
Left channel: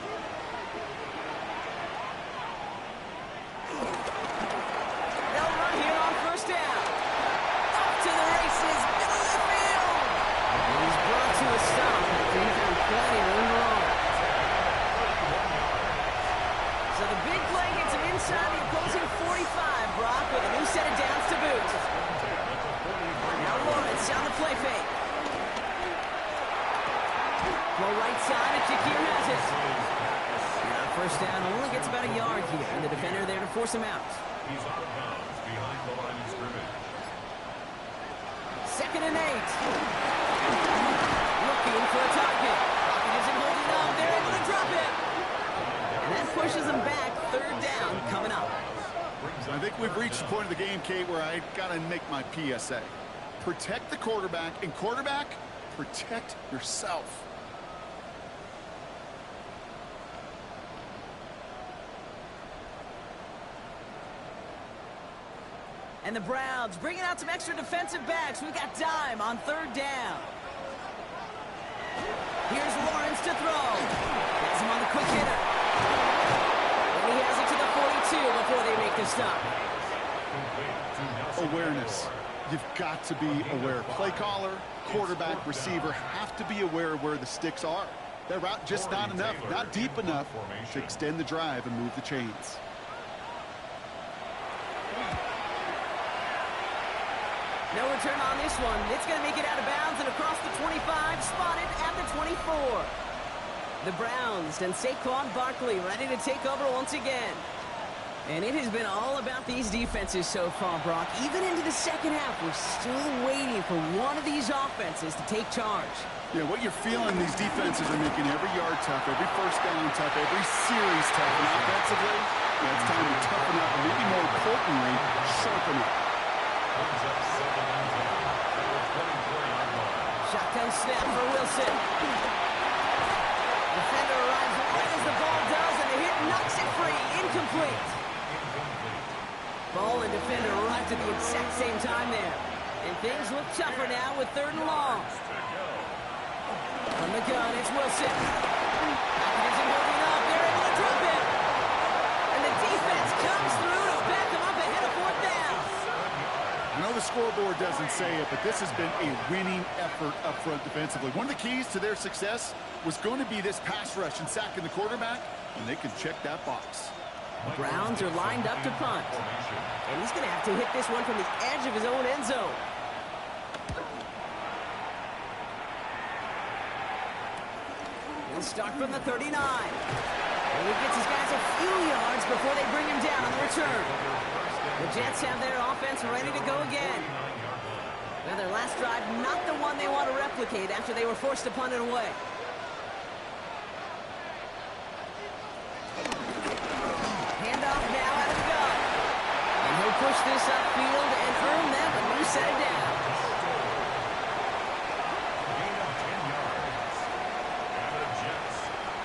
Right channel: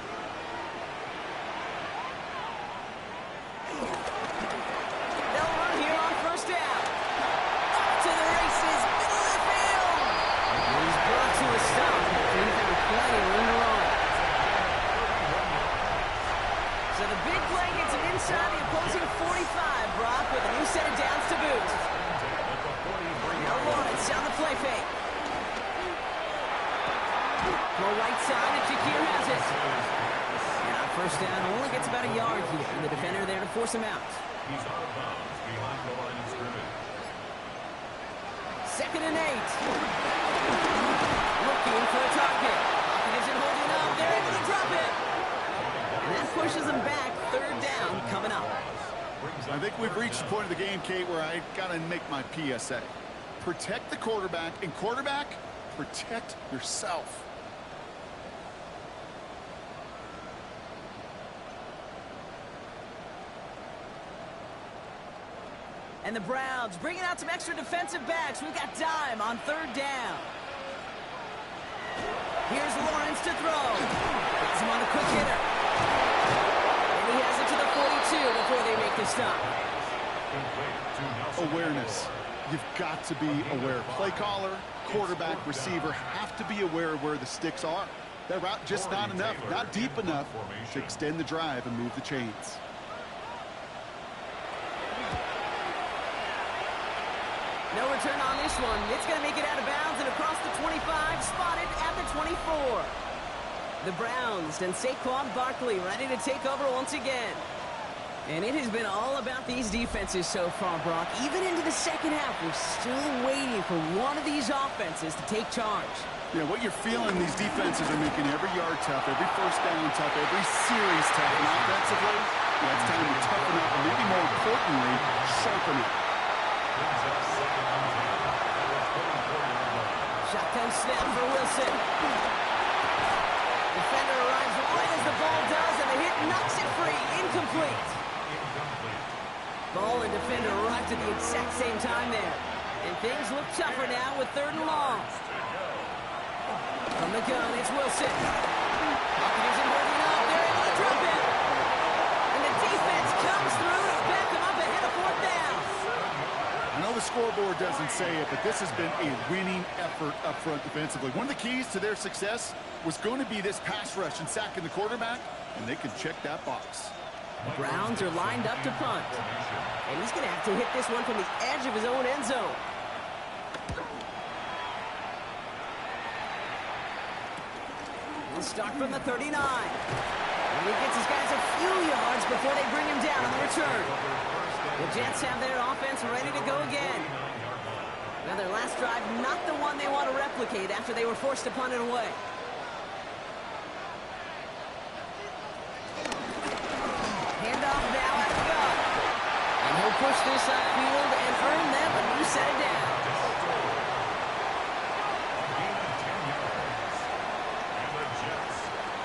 They'll run here on first down. Off to the races, middle of the field. And he's brought to a stop after he found plenty of room to run. So the big play gets him inside the opposing 45, Brock, with a new set of downs to boot. Now Lawrence on the play fake. Go right side, and Shakir has it. And on first down, only gets about a yard here, and the defender there to force him out. He's out of bounds behind the line of scrimmage. 2nd and 8. Looking for a target. Hopkins isn't holding up. They're able to drop it. And that pushes them back. 3rd down coming up. I think we've reached the point of the game, Kate, where I got to make my PSA. Protect the quarterback, and quarterback, protect yourself. And the Browns bringing out some extra defensive backs. We've got dime on 3rd down. Here's Lawrence to throw. Gets him on the quick hitter. And he has it to the 42 before they make the stop. Awareness. You've got to be aware. Play caller, quarterback, receiver have to be aware of where the sticks are. That route just not enough, not deep enough to extend the drive and move the chains. No return on this one. It's going to make it out of bounds and across the 25, spotted at the 24. The Browns and Saquon Barkley ready to take over once again. And it has been all about these defenses so far, Brock. Even into the second half, we're still waiting for one of these offenses to take charge. Yeah, what you're feeling, these defenses are making every yard tough, every first down tough, every series tough. And offensively, yeah, it's time to toughen up, and maybe more importantly, sharpen up. Shotgun snap for Wilson. Defender arrives right as the ball does, and the hit knocks it free. Incomplete. Ball and defender arrived at the exact same time there. And things look tougher now with 3rd and long. From the gun, it's Wilson. Hopkins isn't holding up. They're able to drop it. And the defense comes through to back them up ahead of 4th down. I know the scoreboard doesn't say it, but this has been a winning effort up front defensively. One of the keys to their success was going to be this pass rush and sacking the quarterback, and they can check that box. The Browns are lined up to punt. And he's going to have to hit this one from the edge of his own end zone. He'll start from the 39. And he gets his guys a few yards before they bring him down on the return. The Jets have their offense ready to go again. Well, their last drive, not the one they want to replicate after they were forced to punt it away. Handoff now out of the gun. And he'll push this upfield and earn them a new set of downs. Gain of 10 yards. And the Jets,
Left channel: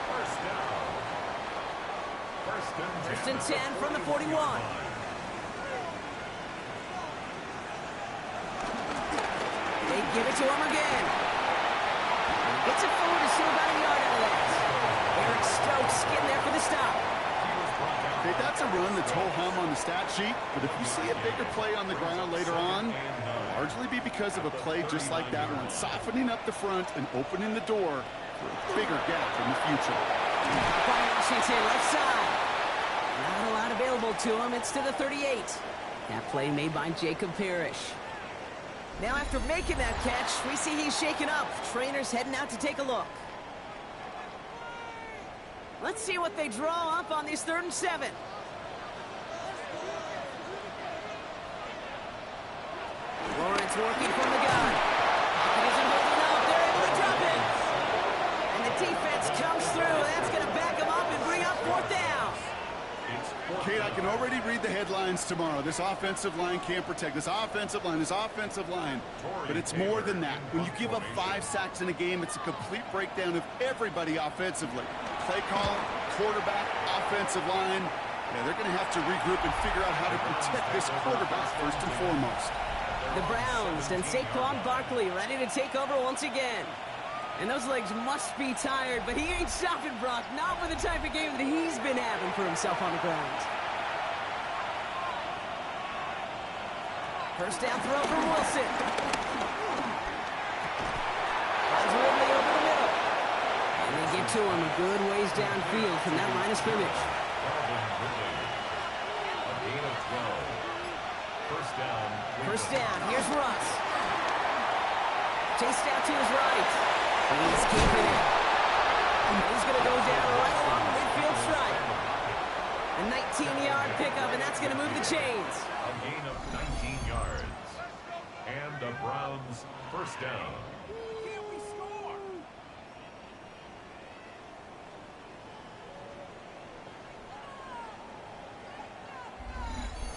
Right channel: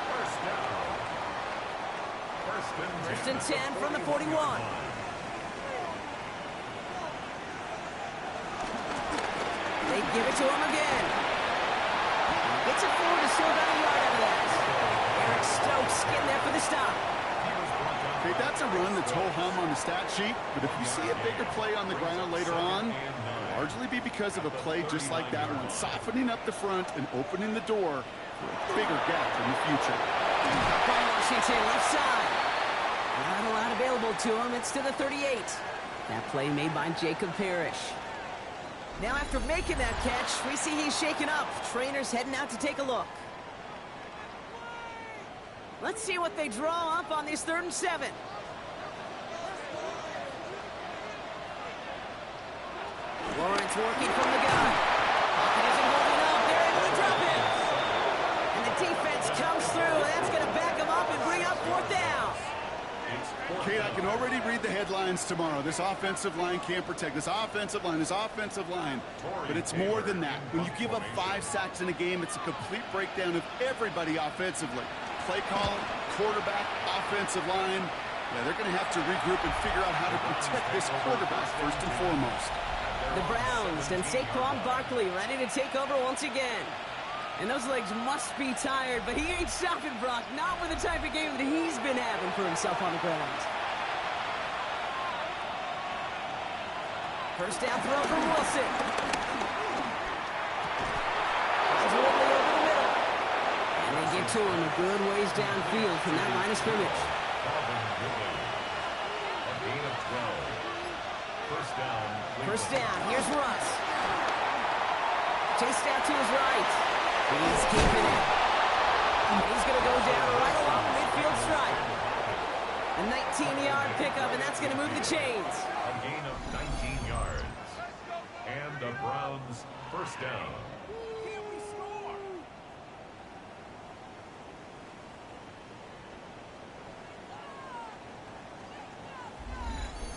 first down. First and 10 from the 41. They give it to him again. And he gets it forward to still about a yard out of that. Eric Stokes getting there for the stop. Okay, that's a run that's ho-hum on the stat sheet, but if you see a bigger play on the ground later on, it'll largely be because of a play just like that one, softening up the front and opening the door for a bigger gap in the future. Up by Washington, left side. Not a lot available to him. It's to the 38. That play made by Jacob Parrish. Now after making that catch, we see he's shaken up. Trainers heading out to take a look. Let's see what they draw up on this 3rd and 7. Lawrence working from the gun. Hopkins isn't holding up. They're able to drop it. And the defense comes through. That's going to back them up and bring up 4th down. Kate, I can already read the headlines tomorrow. This offensive line can't protect. This offensive line. But it's more than that. When you give up 5 sacks in a game, it's a complete breakdown of everybody offensively. Play caller, quarterback, offensive line. Yeah, they're going to have to regroup and figure out how to protect this quarterback first and foremost. The Browns and Saquon Barkley ready to take over once again. And those legs must be tired, but he ain't stopping, Brock. Not with the type of game that he's been having for himself on the ground. First down throw from Wilson. Finds Ridley over the middle. And they get to him a good ways downfield from that line of scrimmage. Calvin Ridley. A gain of 12. First down. First down. Here's Russ. Chased out to his right. He's keeping it. And he's going to go down right along the midfield stripe. A 19-yard pickup, and that's going to move the chains. A gain of 19 yards. And the Browns first down. Can we score?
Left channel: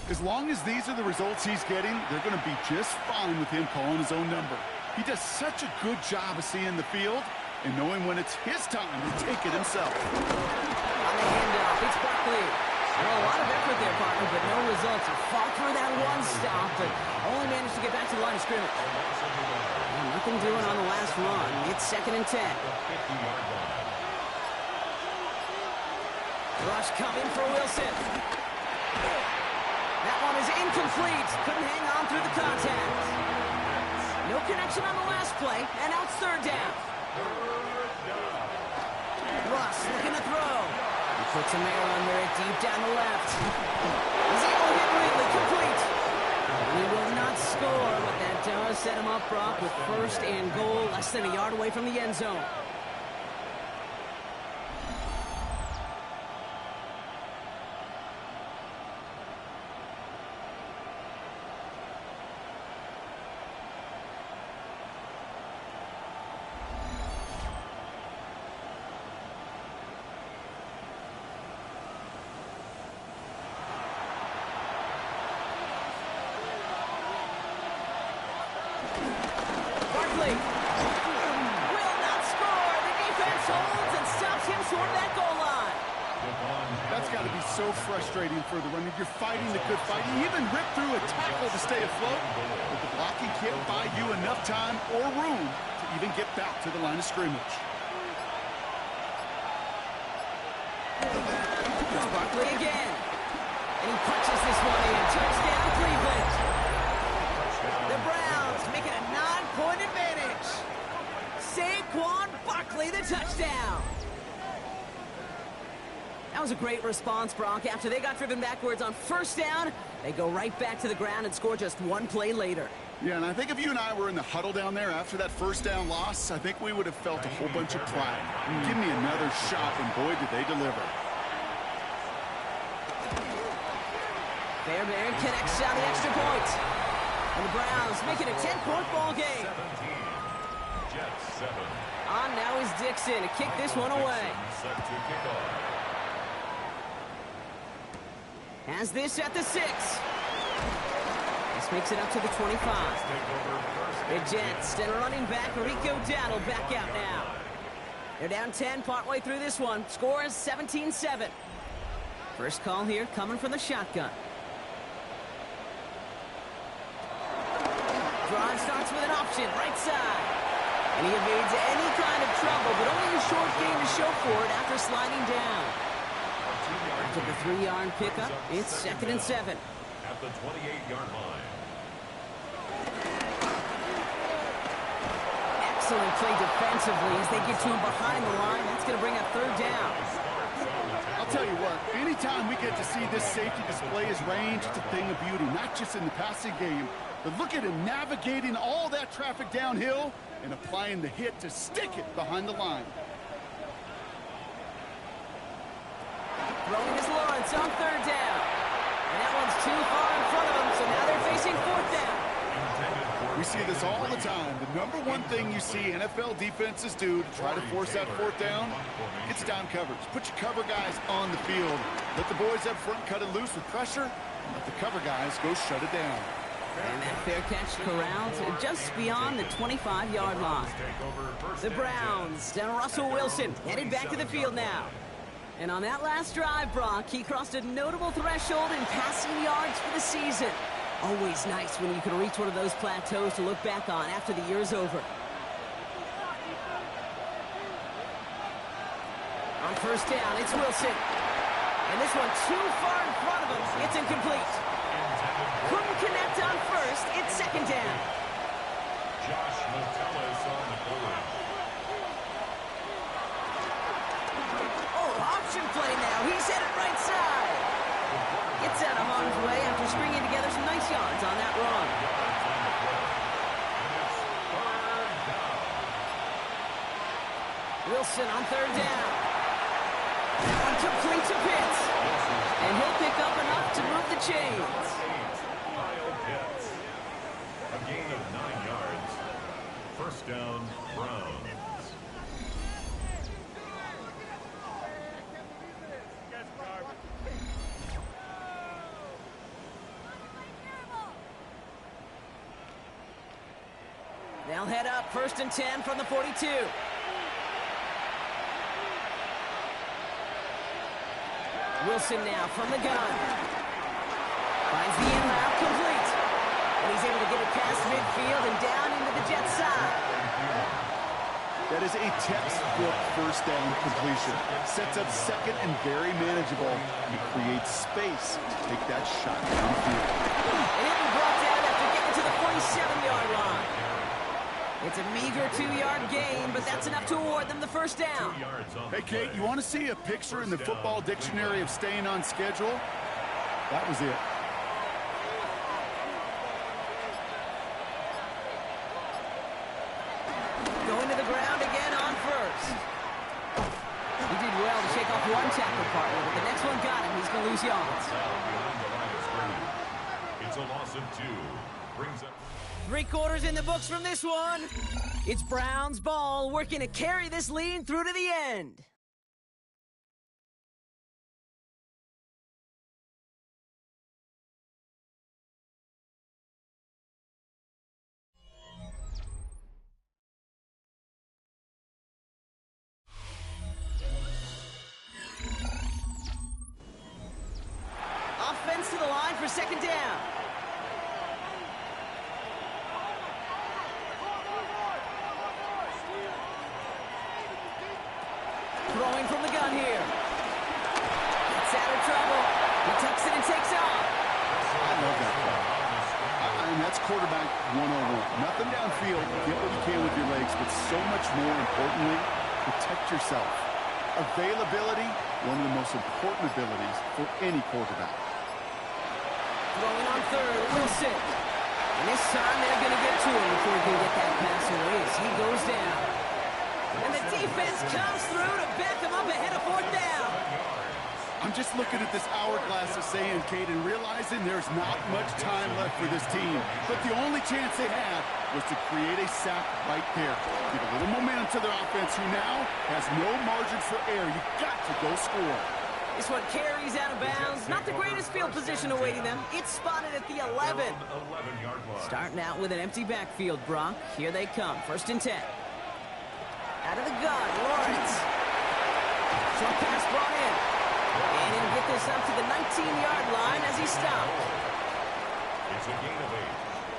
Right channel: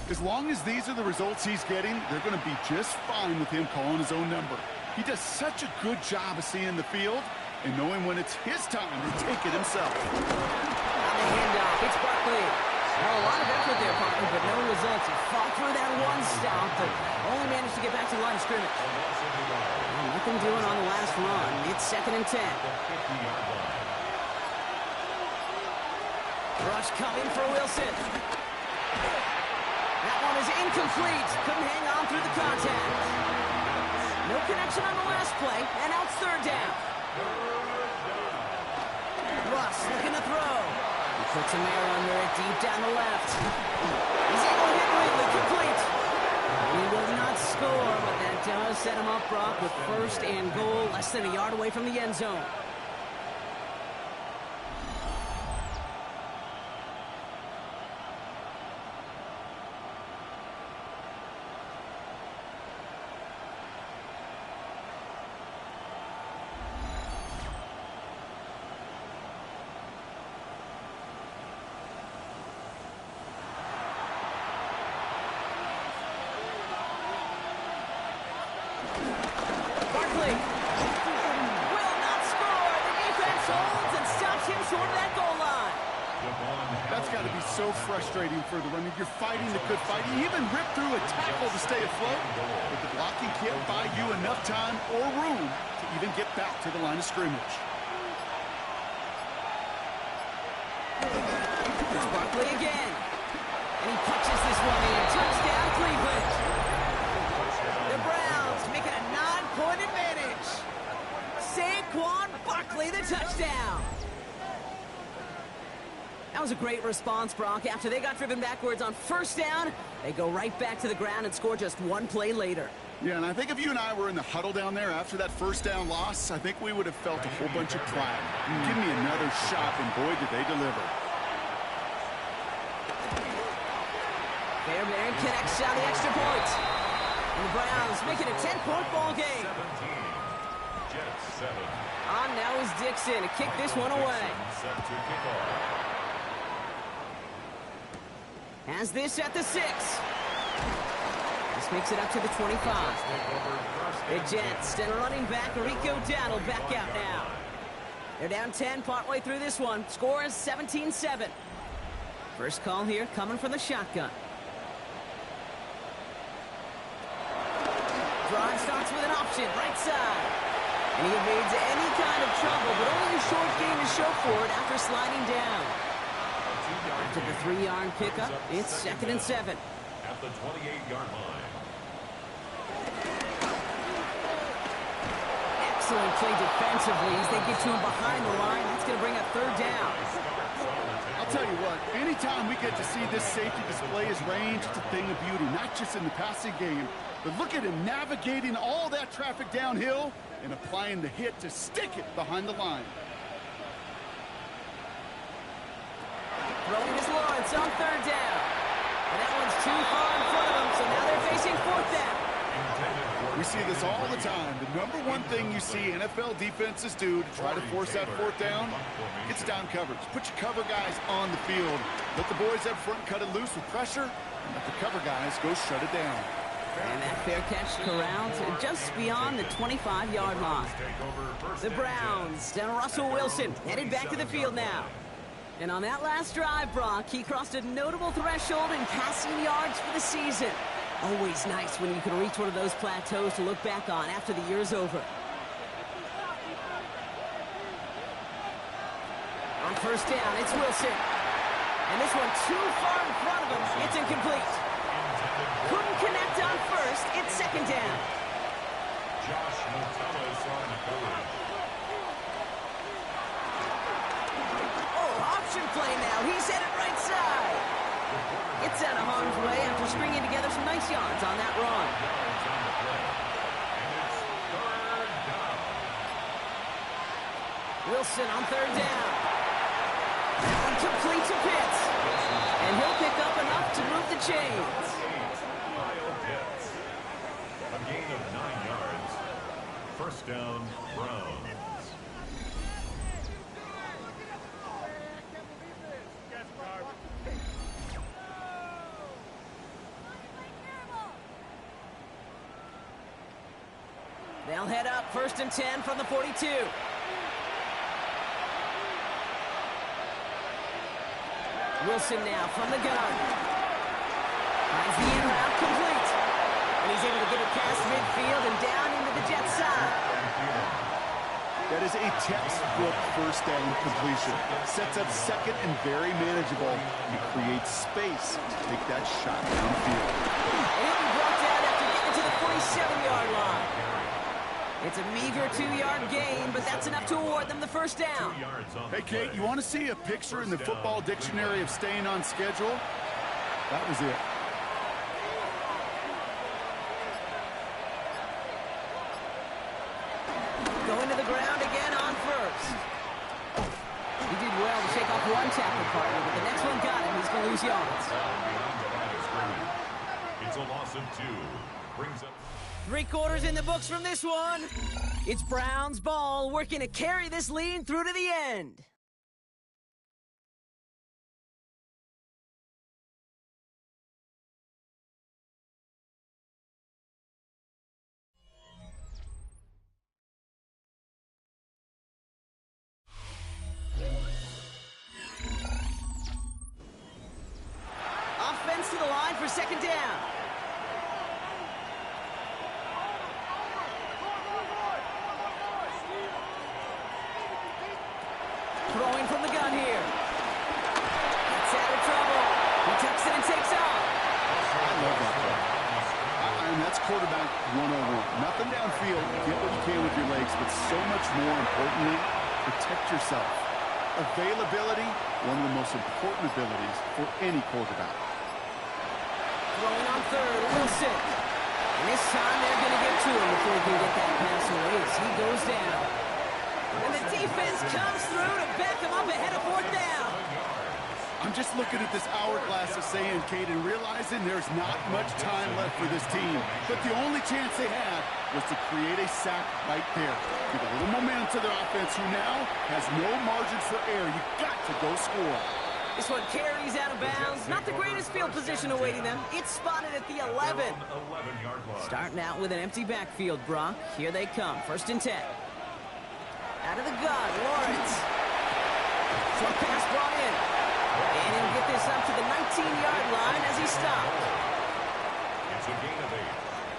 As long as these are the results he's getting, they're going to be just fine with him calling his own number. He does such a good job of seeing the field and knowing when it's his time to take it himself. On the handoff, it's Barkley. Well, a lot of effort there, partner, but no results. He fought through that one stop, but only managed to get back to the line of scrimmage. Well, nothing doing on the last run. It's 2nd and 10. Rush coming for Wilson. That one is incomplete. Couldn't hang on through the contact. No connection on the last play, and now it's 3rd down. Russ looking to throw. He puts him there under it, deep down the left. He's able to hit Ridley, complete. And he will not score, but that does set him up, Brock, with 1st and goal, less than a yard away from the end zone. Barkley will not score. The defense holds and stops him short of that goal line. That's got to be so frustrating for the runner. You're fighting the good fight. You even rip through a tackle to stay afloat, but the blocking can't buy you enough time or room to even get back to the line of scrimmage. Here's Barkley again. And he punches this one in. Touchdown, Cleveland. The Browns make it a 9-point advantage. Saquon Barkley, the touchdown. That was a great response, Brock. After they got driven backwards on 1st down, they go right back to the ground and score just one play later. Yeah, and I think if you and I were in the huddle down there after that 1st down loss, I think we would have felt a whole bunch of pride. Give me another shot, and boy, did they deliver. Fairbairn connects on the extra point. And the Browns make it a 10-point ball game. 17. Jets 7. On now is Dixon to kick this one away. Set to kick off. Has this at the 6. This makes it up to the 25. The Jets and running back Rico Dowdle back out now. They're down 10 partway through this one. Score is 17-7. First call here coming from the shotgun. Drive starts with an option, right side. And he evades any kind of trouble, but only a short gain to show for it after sliding down. After the 3-yard pickup, it's 2nd and 7. At the 28-yard line. Excellent play defensively as they get to him behind the line. That's going to bring up 3rd down. I'll tell you what, anytime we get to see this safety display his range, it's a thing of beauty, not just in the passing game, but look at him navigating all that traffic downhill and applying the hit to stick it behind the line. Throwing is Lawrence on 3rd down. And that one's too far in front of him, so now they're facing 4th down. We see this all the time. The number one thing you see NFL defenses do to try to force that 4th down, it's down coverage. Put your cover guys on the field. Let the boys up front cut it loose with pressure, and let the cover guys go shut it down. And that fair catch corralled just beyond the 25-yard line. The Browns and Russell Wilson headed back to the field now. And on that last drive, Brock, he crossed a notable threshold in passing yards for the season. Always nice when you can reach one of those plateaus to look back on after the year's over. On first down, it's Wilson. And this one too far in front of him. It's incomplete. Couldn't connect on first. It's second down. Josh Metellus on the coverage. Oh, option play now. He's headed right side. Gets out of harm's way after stringing together some nice yards on that run. Yards on the play. And it's third down. Wilson on third down. That one complete to Pitts. And he'll pick up enough to move the chains. Kyle Pitts. A gain of 9 yards. First down, Browns. They'll head up first and 10 from the 42. Wilson now from the gun. Finds the in route complete. And he's able to get it past midfield and down into the Jets side. That is a textbook first down completion. Sets up second and very manageable. He creates space to take that shot downfield. And he'll be brought down after getting to the 47-yard line. It's a meager 2-yard gain, but that's enough to award them the first down. Hey, Kate, you want to see a picture in the football dictionary of staying on schedule? That was it. Going to the ground again on first. He did well to shake off one tackle partner, but the next one got him. He's going to lose yards. It's a loss of 2. Brings up 3 quarters in the books from this one. It's Browns ball, working to carry this lead through to the end. Offense to the line for second down. Throwing from the gun here. Gets out of trouble. He tucks it and takes off. I love that play. I mean, that's quarterback 101. Nothing downfield. Get what you can with your legs, but so much more importantly, protect yourself. Availability, one of the most important abilities for any quarterback. Throwing on third, Wilson. And this time they're going to get to him before he can get that pass away as he goes down. And the defense comes through to back him up ahead of fourth down. I'm just looking at this hourglass of sand, Kate, and realizing there's not much time left for this team. But the only chance they had was to create a sack right there. Give a little momentum to their offense, who now has no margin for error. You got to go score. This one carries out of bounds. Not the greatest field position awaiting them. It's spotted at the 11. 11-yard line. Starting out with an empty backfield, Brock. Here they come, first and 10. Out of the gun, Lawrence. Short pass brought in. And he'll get this up to the 19-yard line as he stopped. It's a gain of 8.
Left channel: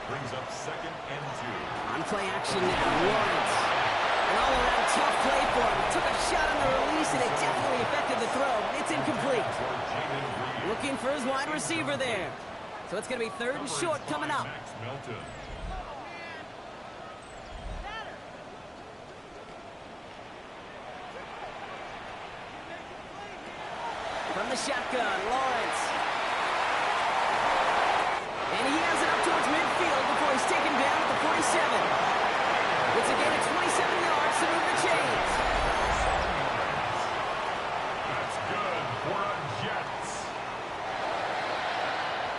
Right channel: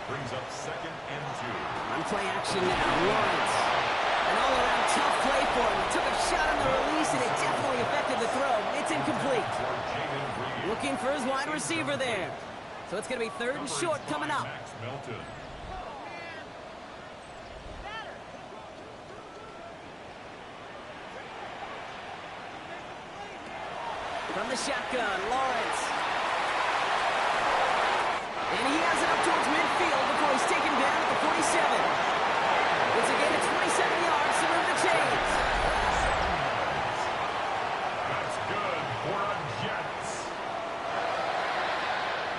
Brings up second and 2. On play action now, Lawrence. An all-around tough play for him. He took a shot on the release, and it definitely affected the throw. It's incomplete. Looking for his wide receiver there. So it's going to be third and short coming up. Max Melton. From the shotgun, Lawrence. And he has it up towards midfield before he's taken down at the 47. It's a gain of 27 yards to move the chains. That's good for a Jets.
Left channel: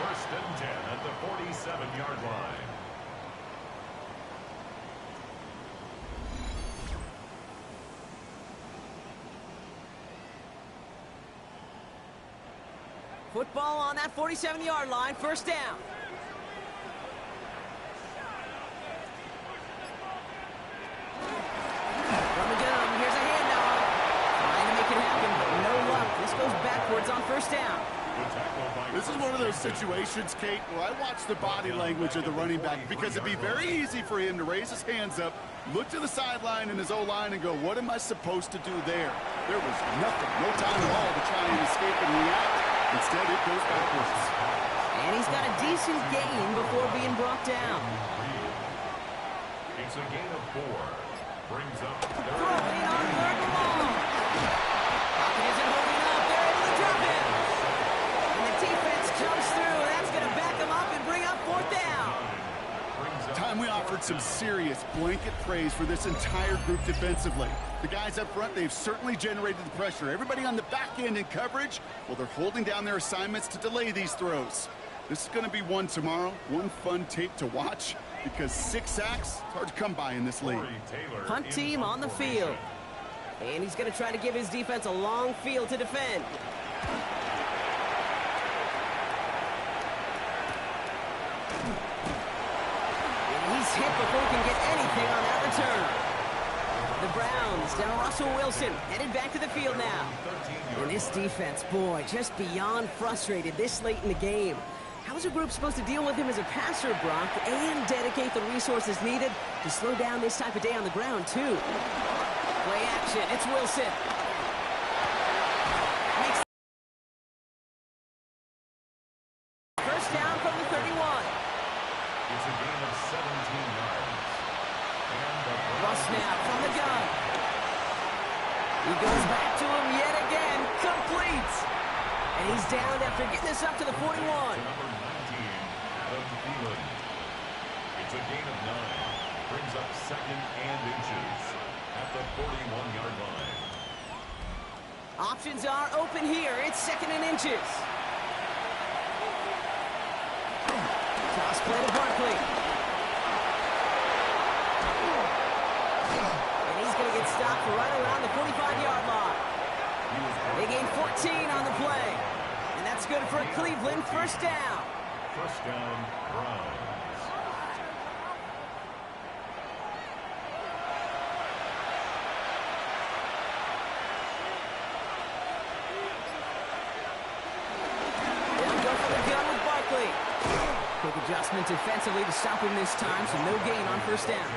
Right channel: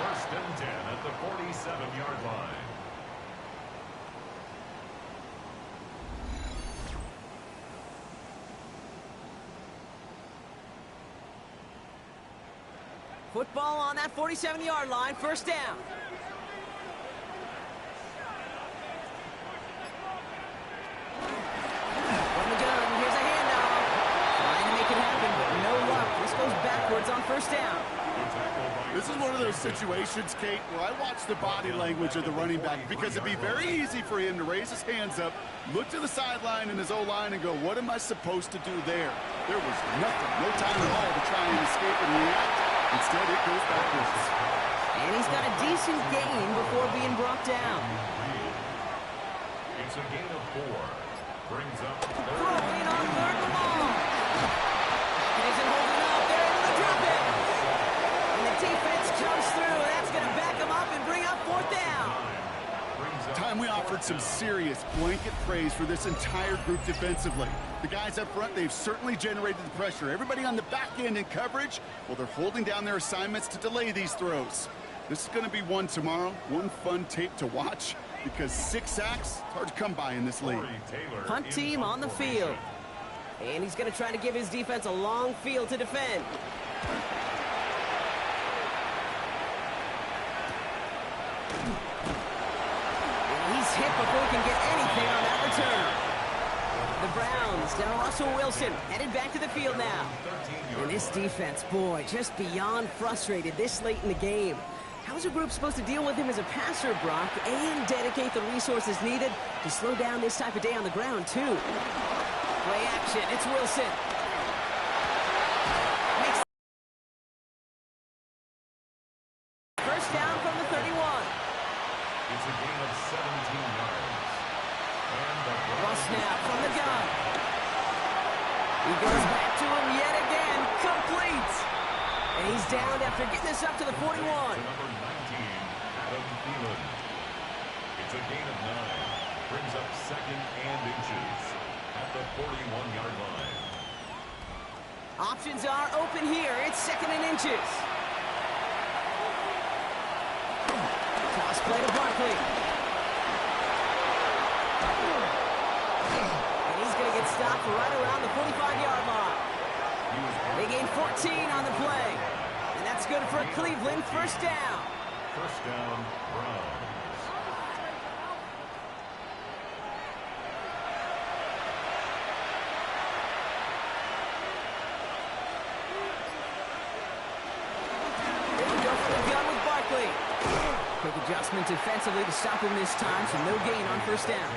First and 10 at the 47-yard line. Football on that 47-yard line, first down. From the gun, here's a handoff. Trying to make it happen, but no luck. This goes backwards on first down. This is one of those situations, Kate, where I watch the body language of the running back because it'd be very easy for him to raise his hands up, look to the sideline in his O-line and go, what am I supposed to do there? There was nothing, no time at all to try and escape and react. Instead, it goes backwards. And he's got a decent gain before being brought down. It's a gain of 4. Brings up Throwing on 3rd and long. Pocket isn't holding up. They're able to drop it. And the defense jumps through. That's going to back them up and bring up 4th down. Time we offered some serious blanket praise for this entire group defensively. The guys up front, they've certainly generated the pressure. Everybody on the back end in coverage, well, they're holding down their assignments to delay these throws. This is going to be one tomorrow, one fun tape to watch, because 6 sacks, it's hard to come by in this league. Punt team on the field. And he's going to try to give his defense a long field to defend. And he's hit before he can get anything on that return. The Browns down Russell Wilson, headed back to the field now. And this defense, boy, just beyond frustrated this late in the game. How is a group supposed to deal with him as a passer, Brock, and dedicate the resources needed to slow down this type of day on the ground, too? Play action, it's Wilson. Makes first down from the 31. It's a gain of 17 yards. Ross snap from the gun. He goes back to him yet again. Complete. And he's down after getting this up to the 41. Number 19, Adam Thielen. It's a gain of 9. Brings up 2nd and inches at the 41-yard line. Options are open here. It's 2nd and inches. Toss play to Barkley. And he's going to get stopped right around the 45-yard line. They gain 14 on the play. And that's good for a Cleveland first down. First down, Browns. They'll go for the gun with Barkley. Quick adjustment defensively to stop him this time, so no gain on first down.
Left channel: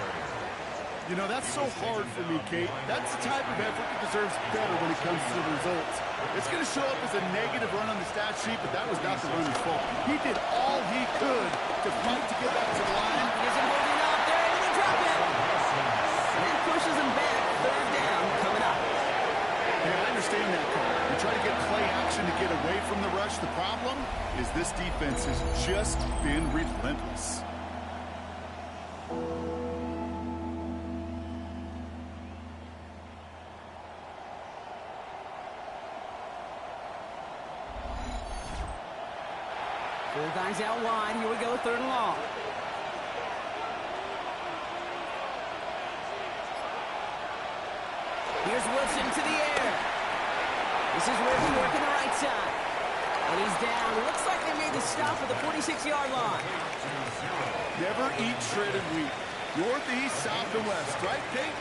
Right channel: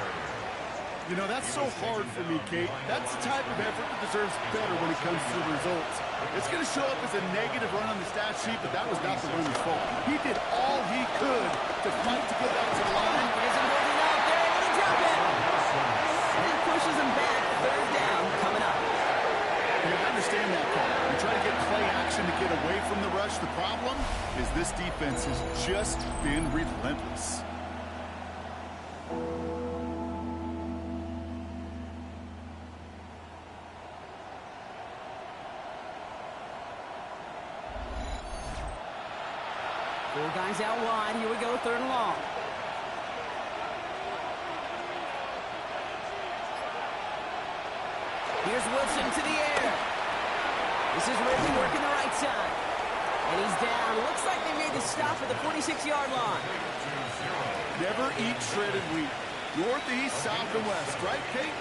You know, that's so hard for me, Kate. That's the type of effort that deserves better when it comes to the results. It's going to show up as a negative run on the stat sheet, but that was not the runner's fault. He did all he could to fight to get back to the line. It isn't holding up. They're able to drop it. And that pushes him back. 3rd down coming up. Yeah, I understand that call. You try to get play action to get away from the rush. The problem is this defense has just been relentless. Four guys out wide. Here we go, 3rd and long. Here's Wilson to the air. This is Ridley working the right side. And he's down. Looks like they made the stop at the 46-yard line. Never eat shredded wheat. North, east, south, and west, right, Kate?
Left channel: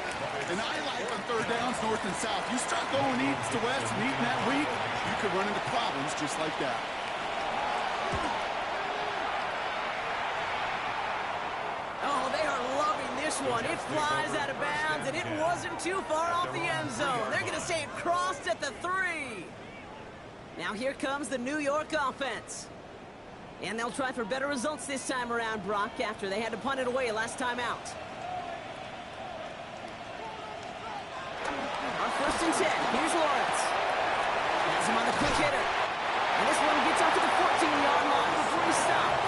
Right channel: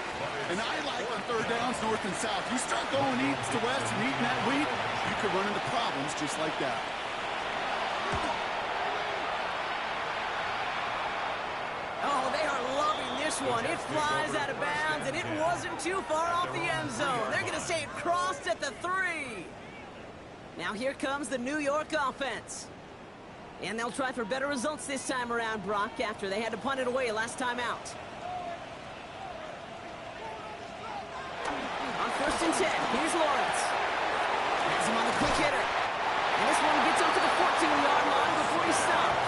And I like on 3rd downs, north and south. You start going east to west and eating that wheat, you could run into problems just like that. Oh, they are loving this one. It flies out of bounds, and it wasn't too far off the end zone. They're going to say it crossed at the 3. Now here comes the New York offense. And they'll try for better results this time around, Brock, after they had to punt it away last time out. On 1st and 10, here's Lawrence. Has him on the quick hitter. And this one gets up to the 14-yard line before he's stopped.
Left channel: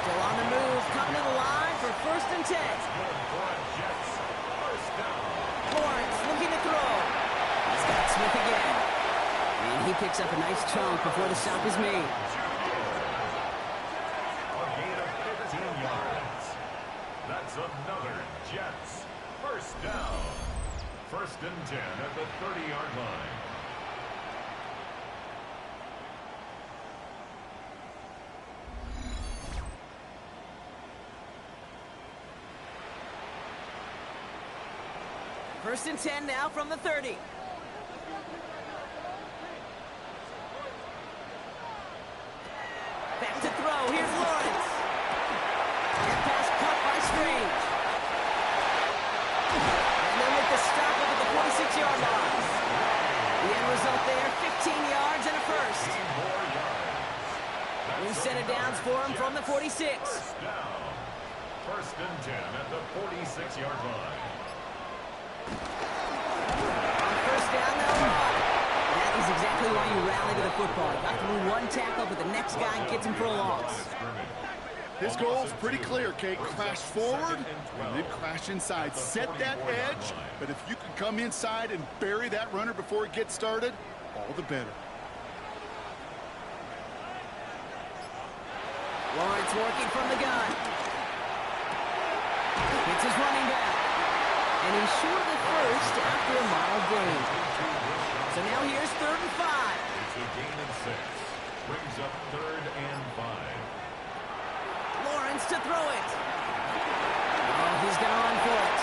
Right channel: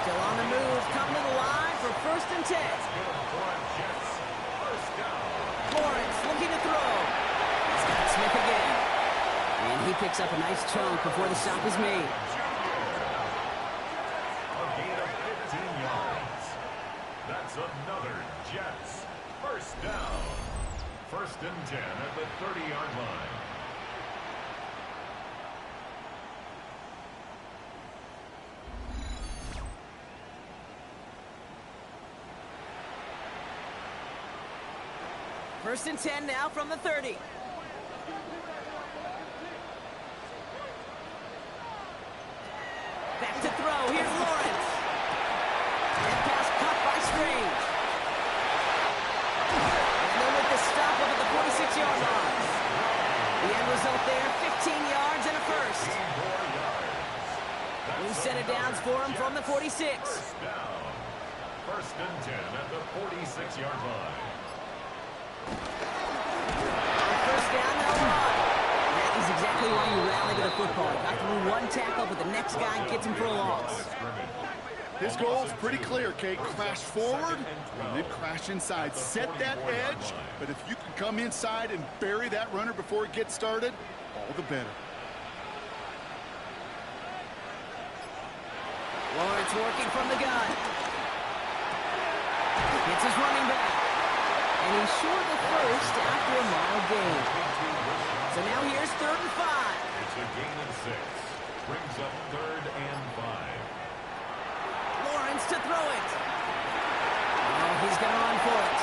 Still on the move, coming to the line for 1st and 10. Lawrence looking to throw. He's got Smith again. And he picks up a nice chunk before the stop is made. A gain of 15 yards. That's another Jets first down. 1st and 10 at the 30-yard line. First and 10 now from the 30. Back to throw. Here's Lawrence. And pass caught by Strange. And they'll make the stop up at the 46-yard line. The end result there, 15 yards and a first. New set of downs for him from the 46. First down. First and 10 at the 46-yard line. On first down, they'll run. That is exactly why you rally to the football. Got through one tackle, but the next guy gets him for a loss. His goal is pretty clear, Kate. Crash forward and then crash inside. Set that edge, but if you can come inside and bury that runner before it gets started, all the better. Lawrence working from the gun. Hits his running back. And he's short of the first after a mild gain. So now here's 3rd and 5. It's a gain of 6. Brings up 3rd and 5. Lawrence to throw it. Oh, he's going to run for it.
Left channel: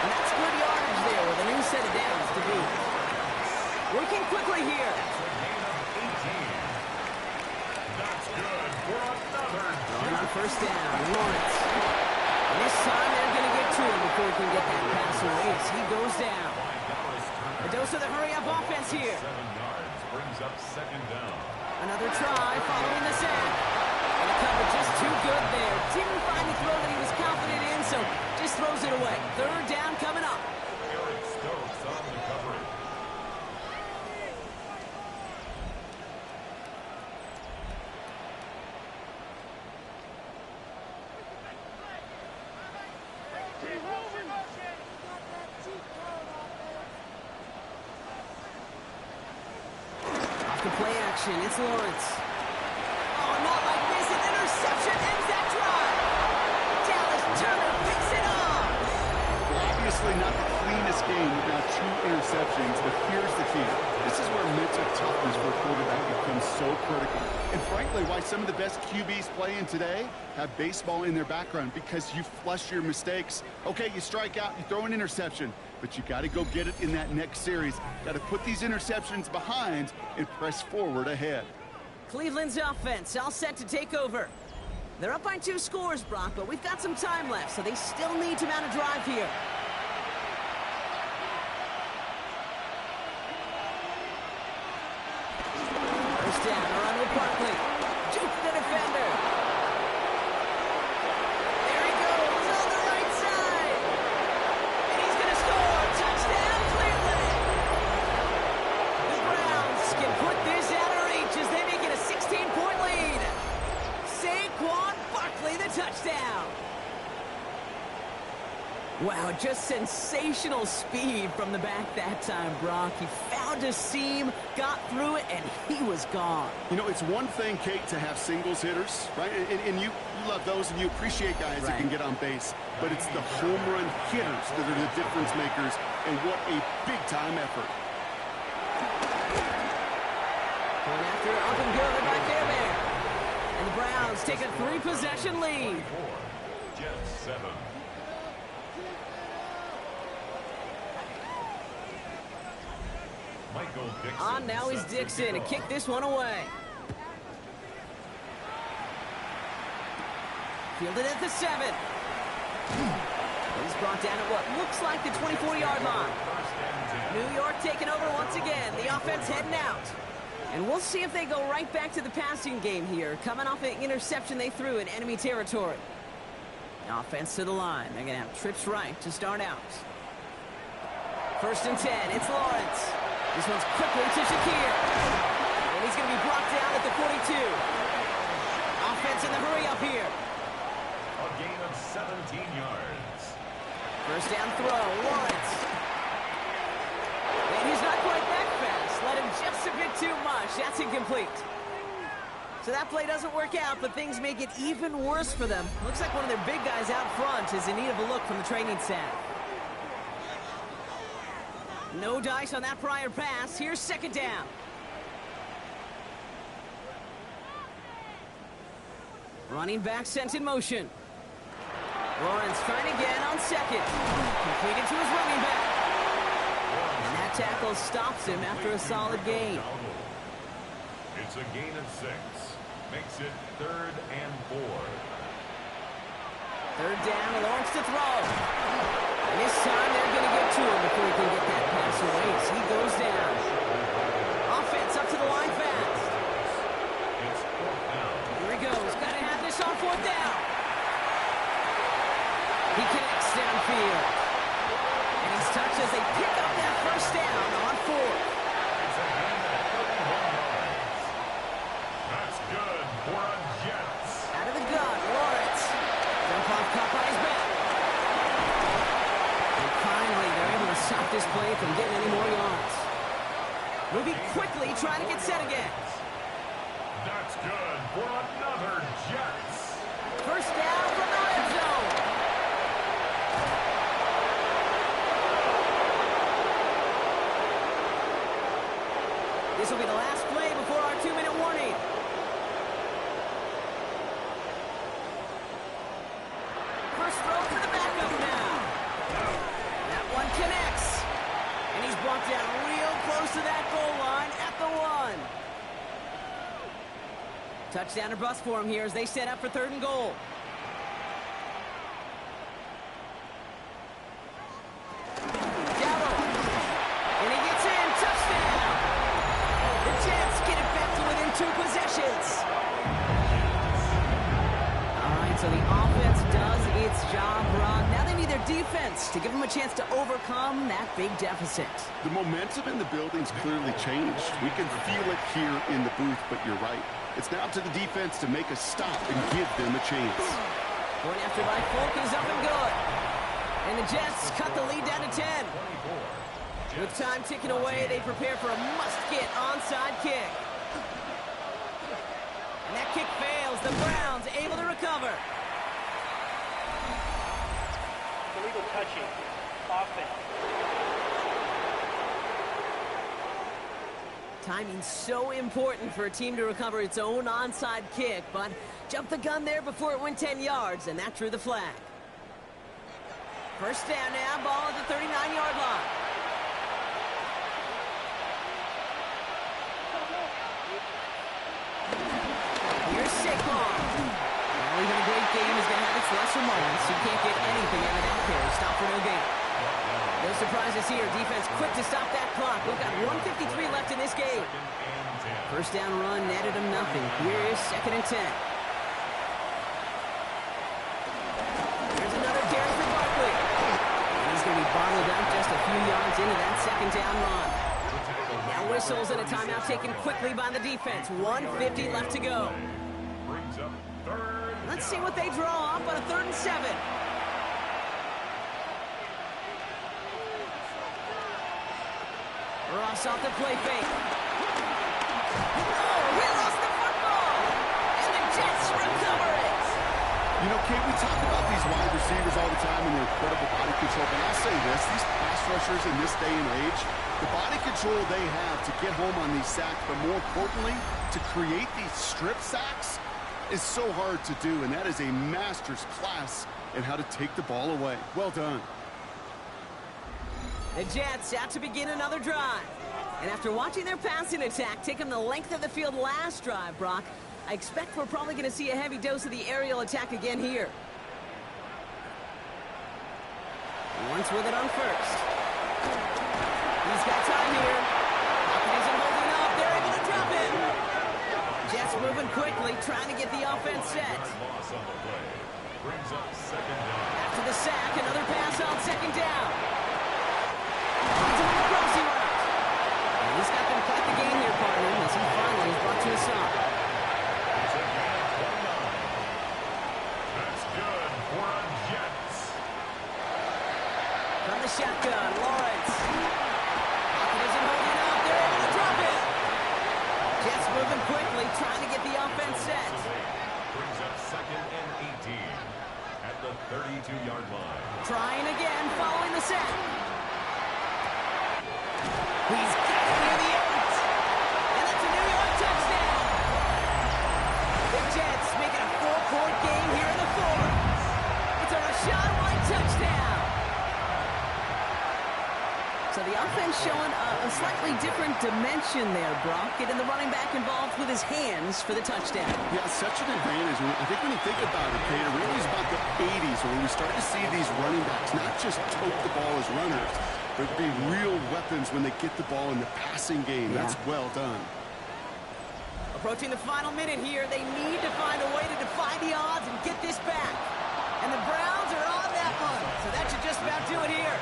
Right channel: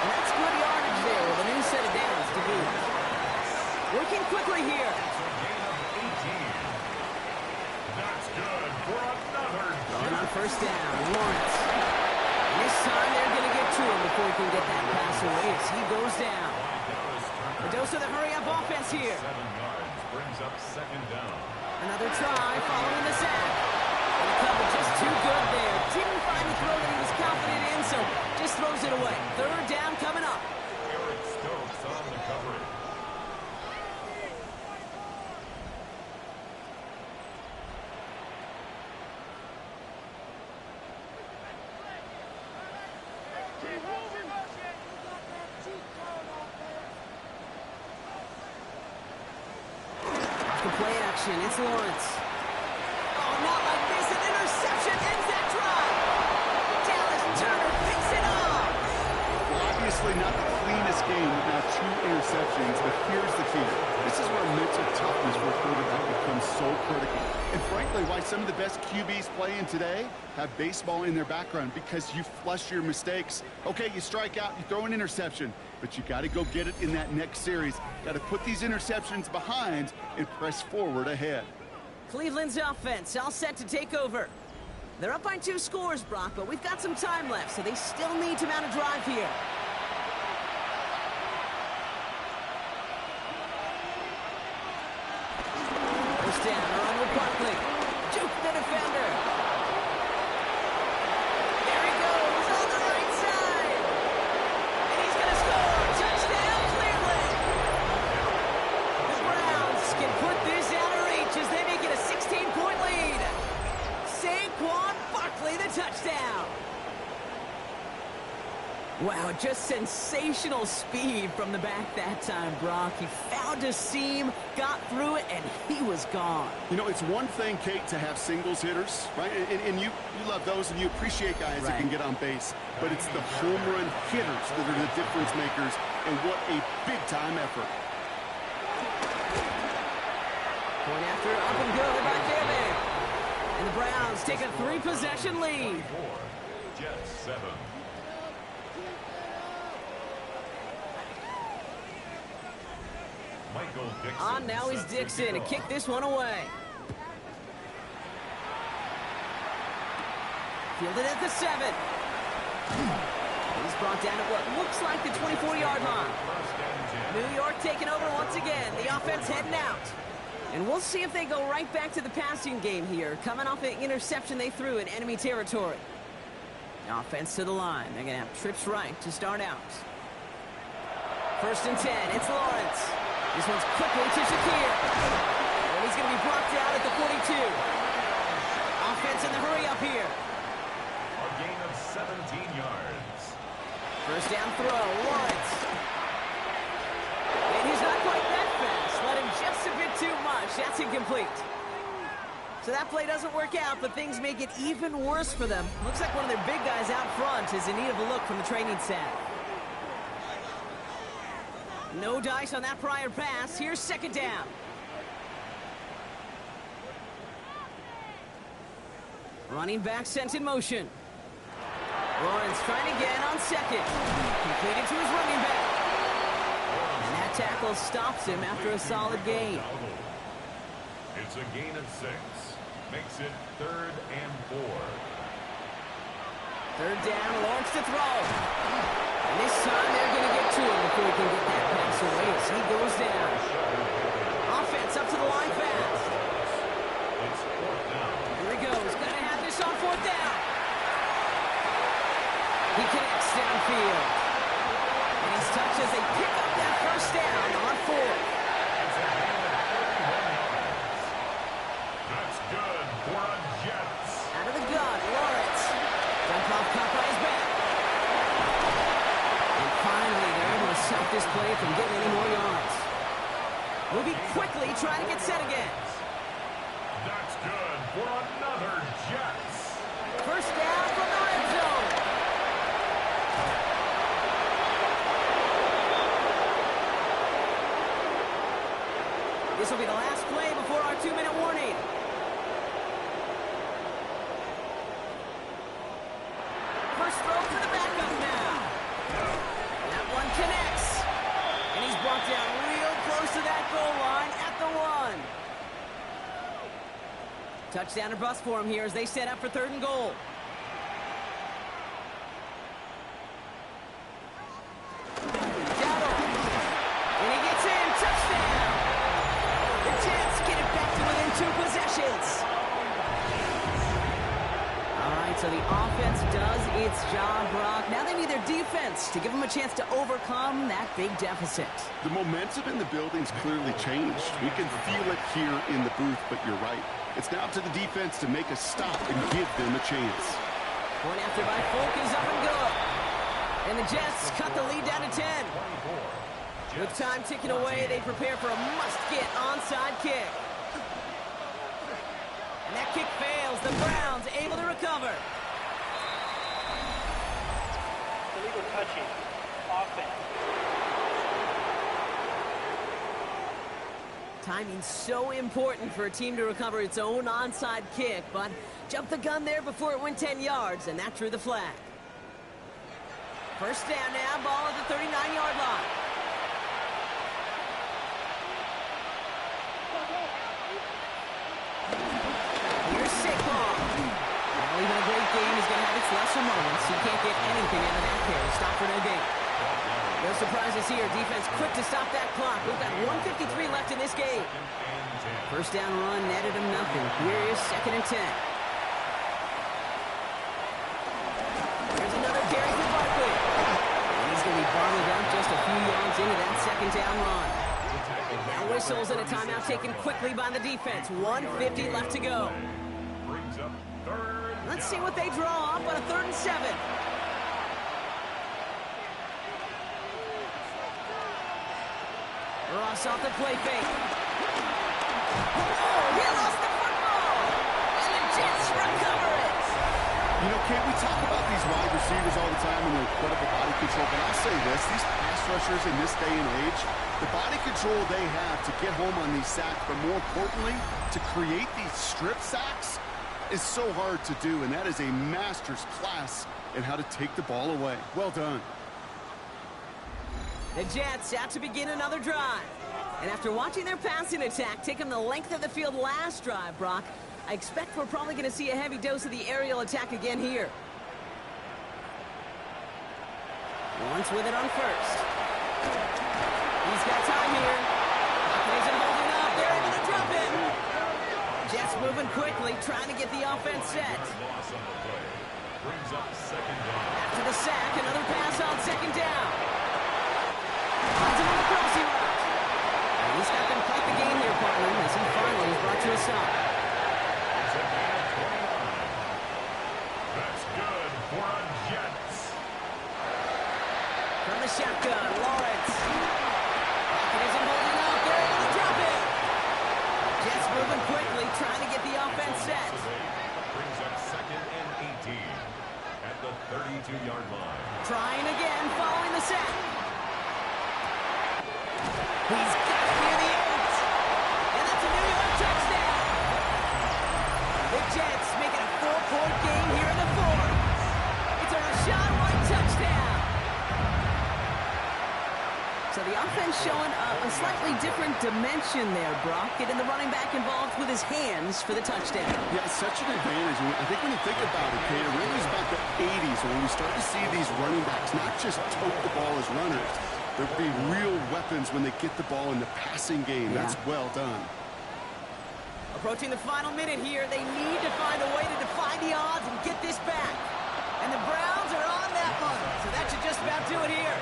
And that's good yardage there with a new set of downs to beat. Working quickly here. It's a gain of 18. That's good for another. Throwing on first down, Lawrence. And this time they're going to get to him before he can get that pass away as he goes down. A dose of the hurry-up offense here. 7 yards brings up 2nd down. Another try following the sack. And the cover just too good there. Didn't find the throw that he was confident in, so just throws it away. 3rd down coming up. Eric Stokes on the coverage. Off the play action, it's Lawrence. Oh, not like this. An interception ends that drive. Dallas Turner picks it up. Well, obviously not the cleanest game without 2 interceptions, but here's the key. This is where mental toughness for a quarterback becomes so critical. And frankly, why some of the best QBs playing today have baseball in their background, because you flush your mistakes. Okay, you strike out, you throw an interception, but you got to go get it in that next series. Got to put these interceptions behind and press forward ahead. Cleveland's offense all set to take over. They're up by 2 scores, Brock, but we've got some time left, so they still need to mount a drive here. First down, a run with Barkley. Juke the defender. There he goes on the right side. And he's going to score. Touchdown, Cleveland. The Browns can put this out of reach as they make it a 16-point lead. Saquon Barkley, the touchdown. Wow, just sensational speed from the back that time, Brock. He found a seam, got through it, and he was gone. You know, it's one thing, Kate, to have singles hitters, right? And you love those and you appreciate guys that can get on base. But it's the home run hitters that are the difference makers, and what a big-time effort. Point after, up and good by Care Bear. And the Browns take a 3-possession lead. Jets 7. Michael Dixon. On now is Dixon to kick this one away. Fielded at the 7. He's brought down at what looks like the 24-yard line. New York taking over once again. The offense heading out. And we'll see if they go right back to the passing game here, coming off an interception they threw in enemy territory. Offense to the line. They're going to have trips right to start out. 1st and 10. It's Lawrence. This one's quickly to Shakir. And he's going to be blocked out at the 42. Offense in the hurry-up here. A gain of 17 yards. First down throw, Lawrence. And he's not quite that fast. Let him just a bit too much. That's incomplete. So that play doesn't work out, but things make it even worse for them. Looks like one of their big guys out front is in need of a look from the training staff. No dice on that prior pass. Here's 2nd down. Running back sent in motion. Lawrence trying again on 2nd. Completed to his running back. And that tackle tackle stops him after a solid gain. It's a gain of 6. makes it 3rd and 4. 3rd down, Lawrence to throw. And this time they're going to get to him before he can get that pass away as he goes down. Offense up to the line fast. It's 4th down. Here he goes. Got to have this on 4th down. He connects downfield. And he's touched as they pick up that 1st down on 4th. It's a gain of 31 yards. That's good for a Jets. Out of the gun, Lawrence. Dump off caught by his back. And finally, they're able to stop this play from getting any more yards. Moving quickly, trying to get set again. That's good for another Jets. 1st down from the red zone. This will be the last play before our 2-minute warning. First throw for the backup now. That one connects. And he's brought down real close to that goal line at the 1. Touchdown or bust for him here as they set up for 3rd and goal. Dowdle. And he gets in. Touchdown. The Jets get it back to within 2 possessions. All right, so the offense does its job, Brock. Now they need their defense to give them a chance to overcome that big deficit. The momentum in the building's clearly changed. We can feel it here in the booth, but you're right. It's now to the defense to make a stop and give them a chance. Point after by Folk is up and good. And the Jets cut the lead down to 10. 24. With time ticking away, they prepare for a must-get onside kick. And that kick fails. The Browns able to recover. Illegal touching. Offense. Timing's so important for a team to recover its own onside kick, but jumped the gun there before it went 10 yards, and that drew the flag. 1st down now, ball at the 39-yard line. Here's Saquon. Now, even a great game is going to have its lesser moments. You can't get anything out of that carry. Stop for no gain. No surprises here. Defense quick to stop that clock. We've got 1:53 left in this game. 1st down run netted him nothing. Here is 2nd and 10. Here's another carry for Barkley. And he's going to be bottled up just a few yards into that 2nd down run. Now whistles and a timeout taken quickly by the defense. 1:50 left to go. Brings up 3rd. Let's see what they draw up on a 3rd and 7. Ross off the play fake. Oh, he lost the football. And the Jets recover it. You know, Kate, we talk about these wide receivers all the time and their incredible body control, but I'll say this, these pass rushers in this day and age, the body control they have to get home on these sacks, but more importantly, to create these strip sacks is so hard to do, and that is a master's class in how to take the ball away. Well done. The Jets out to begin another drive. And after watching their passing attack take them the length of the field last drive, Brock, I expect we're probably going to see a heavy dose of the aerial attack again here. Once with it on 1st. He's got time here. Pocket isn't holding up. They're able to drop it. Jets moving quickly, trying to get the offense set. Loss on the play. Brings up 2nd down. After the sack, another pass on 2nd down. Finds him on the crossing route. And he's got them quite the game here, partner, as he finally is brought to a stop. It's a gain of 29. That's good for a Jets. From the shotgun, Lawrence. Pocket isn't holding up. They're able to drop it. Jets moving quickly, trying to get the offense set. Brings up 2nd and 18 at the 32-yard line. Trying again, following the sack. He's got it near the 8. And that's a New York touchdown. The Jets make it a 4-point game here in the 4th. It's a Rachaad White touchdown. So the offense showing a slightly different dimension there, Brock. Getting the running back involved with his hands for the touchdown. Yeah, such an advantage. I think when you think about it, Kate, it really is about the 80s when we start to see these running backs not just tote the ball as runners, but be real weapons when they get the ball in the passing game. Yeah. That's well done. Approaching the final minute here, they need to find a way to defy the odds and get this back. And the Browns are on that one, so that should just about do it here.